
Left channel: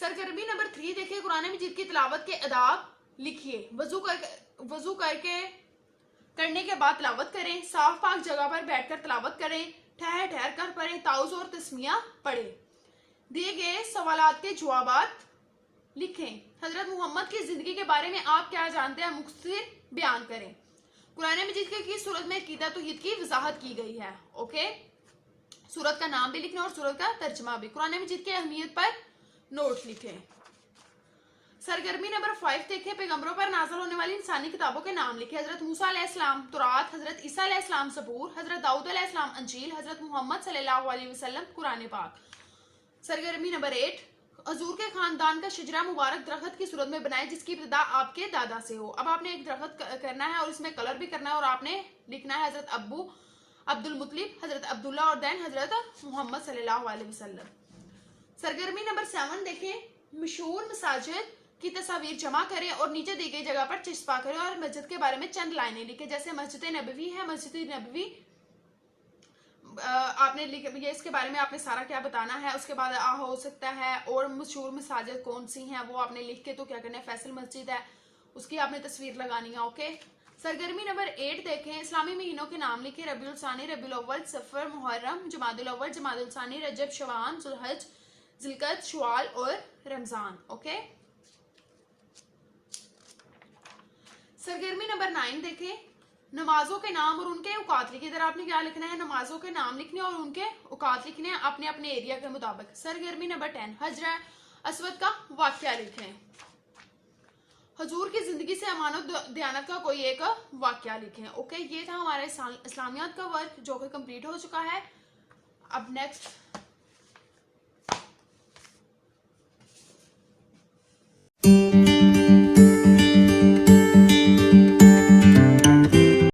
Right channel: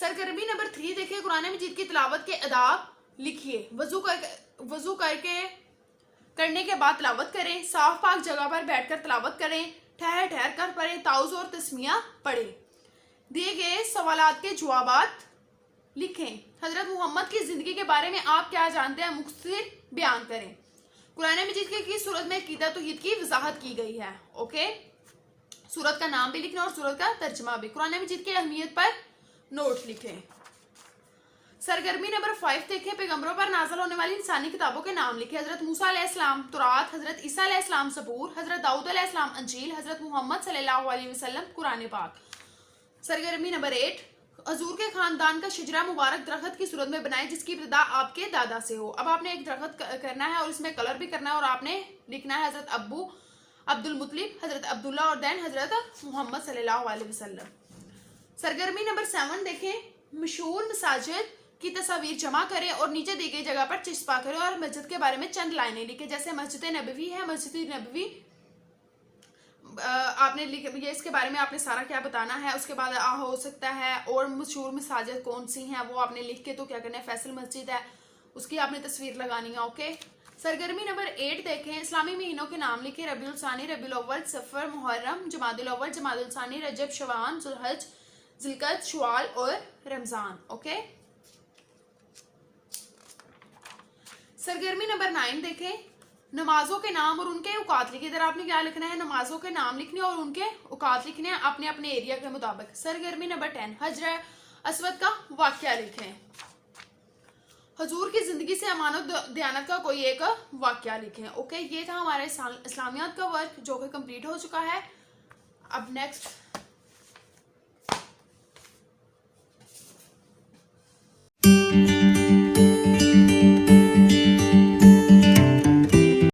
सरगर्मी नंबर 3 देखिए, कुरान मजीद की तिलावत के आदाब लिखिए। वजू करके करने के बाद तिलावत करें। साफ पाक जगह पर बैठकर तिलावत करें। ठहर ठहर कर पढ़ें। ताउज़ और तस्मिया पढ़ें। दिए गए सवालात के जवाबात लिखें। हजरत मोहम्मद की जिंदगी के बारे में आप क्या जानते हैं, मुख्तसर बयान करें। कुरान मजीद की सूरत में अकीदा तौहीद की वजाहत की गई है। ओके, सूरत का नाम भी लिखना और सूरत का तर्जमा भी। कुरान मजीद की अहमियत पर नोट लिखें। सरगर्मी नंबर 5 देखें। पैगंबरों पर नाज़िल होने वाली इंसानी किताबों के नाम लिखे। हजरत मूसा अलैहिस्सलाम तौरात, हजरत ईसा अलैहिस्सलाम ज़बूर, हजरत दाऊद अलैहिस्सलाम अंजील, हजरत मोहम्मद सल्लल्लाहु अलैहि वसल्लम कुरान पाक। सरगर्मी नंबर 8, हजूर के खानदान का शजरा मुबारक दरख्त की सूरत में बनाए जिसकी इब्तिदा आपके दादा से हो। अब आपने एक दरख्त करना है और इसमें कलर भी करना है और आपने लिखना है हजरत अब्बू अब्दुल मुतलिब, हजरत अब्दुल्ला और देन हजरत मोहम्मद सल्लल्लाहु अलैहि वसल्लम। सरगर्मी नंबर 7 देखें। मशहूर मसाजिद की तस्वीर जमा करें और नीचे दी गई जगह पर चिस्पा करें और मस्जिद के बारे में चंद लाइनें लिखें। जैसे मस्जिद नबवी है, मस्जिद नबवी आपने ये इसके बारे में आपने सारा क्या बताना है। उसके बाद हो सकता है और मशहूर मसाजिद कौन सी हैं वो आपने लिख के तो क्या करना है, फैसल मस्जिद है उसकी आपने तस्वीर लगानी है। ओके, सरगर्मी नंबर 8 देखें। इस्लामी महीनों के नाम लिखे। रबीउल सानी, रबीउल अव्वल, सफर, मुहर्रम, जमादुल अव्वल, जमादुल सानी, रजब, शवान, जुल्हज, जिलकद, शवाल और रमजान। ओके, सरगर्मी नंबर 9 देखें। नमाजों के नाम और उनके औकात लिखे। इधर आपने क्या लिखना है, नमाजों के नाम लिखने और उनके औकात लिखने हैं अपने अपने एरिया के मुताबिक। सरगर्मी नंबर 10, हजर अस्वद का वाकया लिखें। हजूर की जिंदगी से अमानत दयानत का कोई एक वाकया लिखें। ओके, ये था हमारे इस्लामियात का वर्क जो कि कंप्लीट हो चुका है। अब नेक्स्ट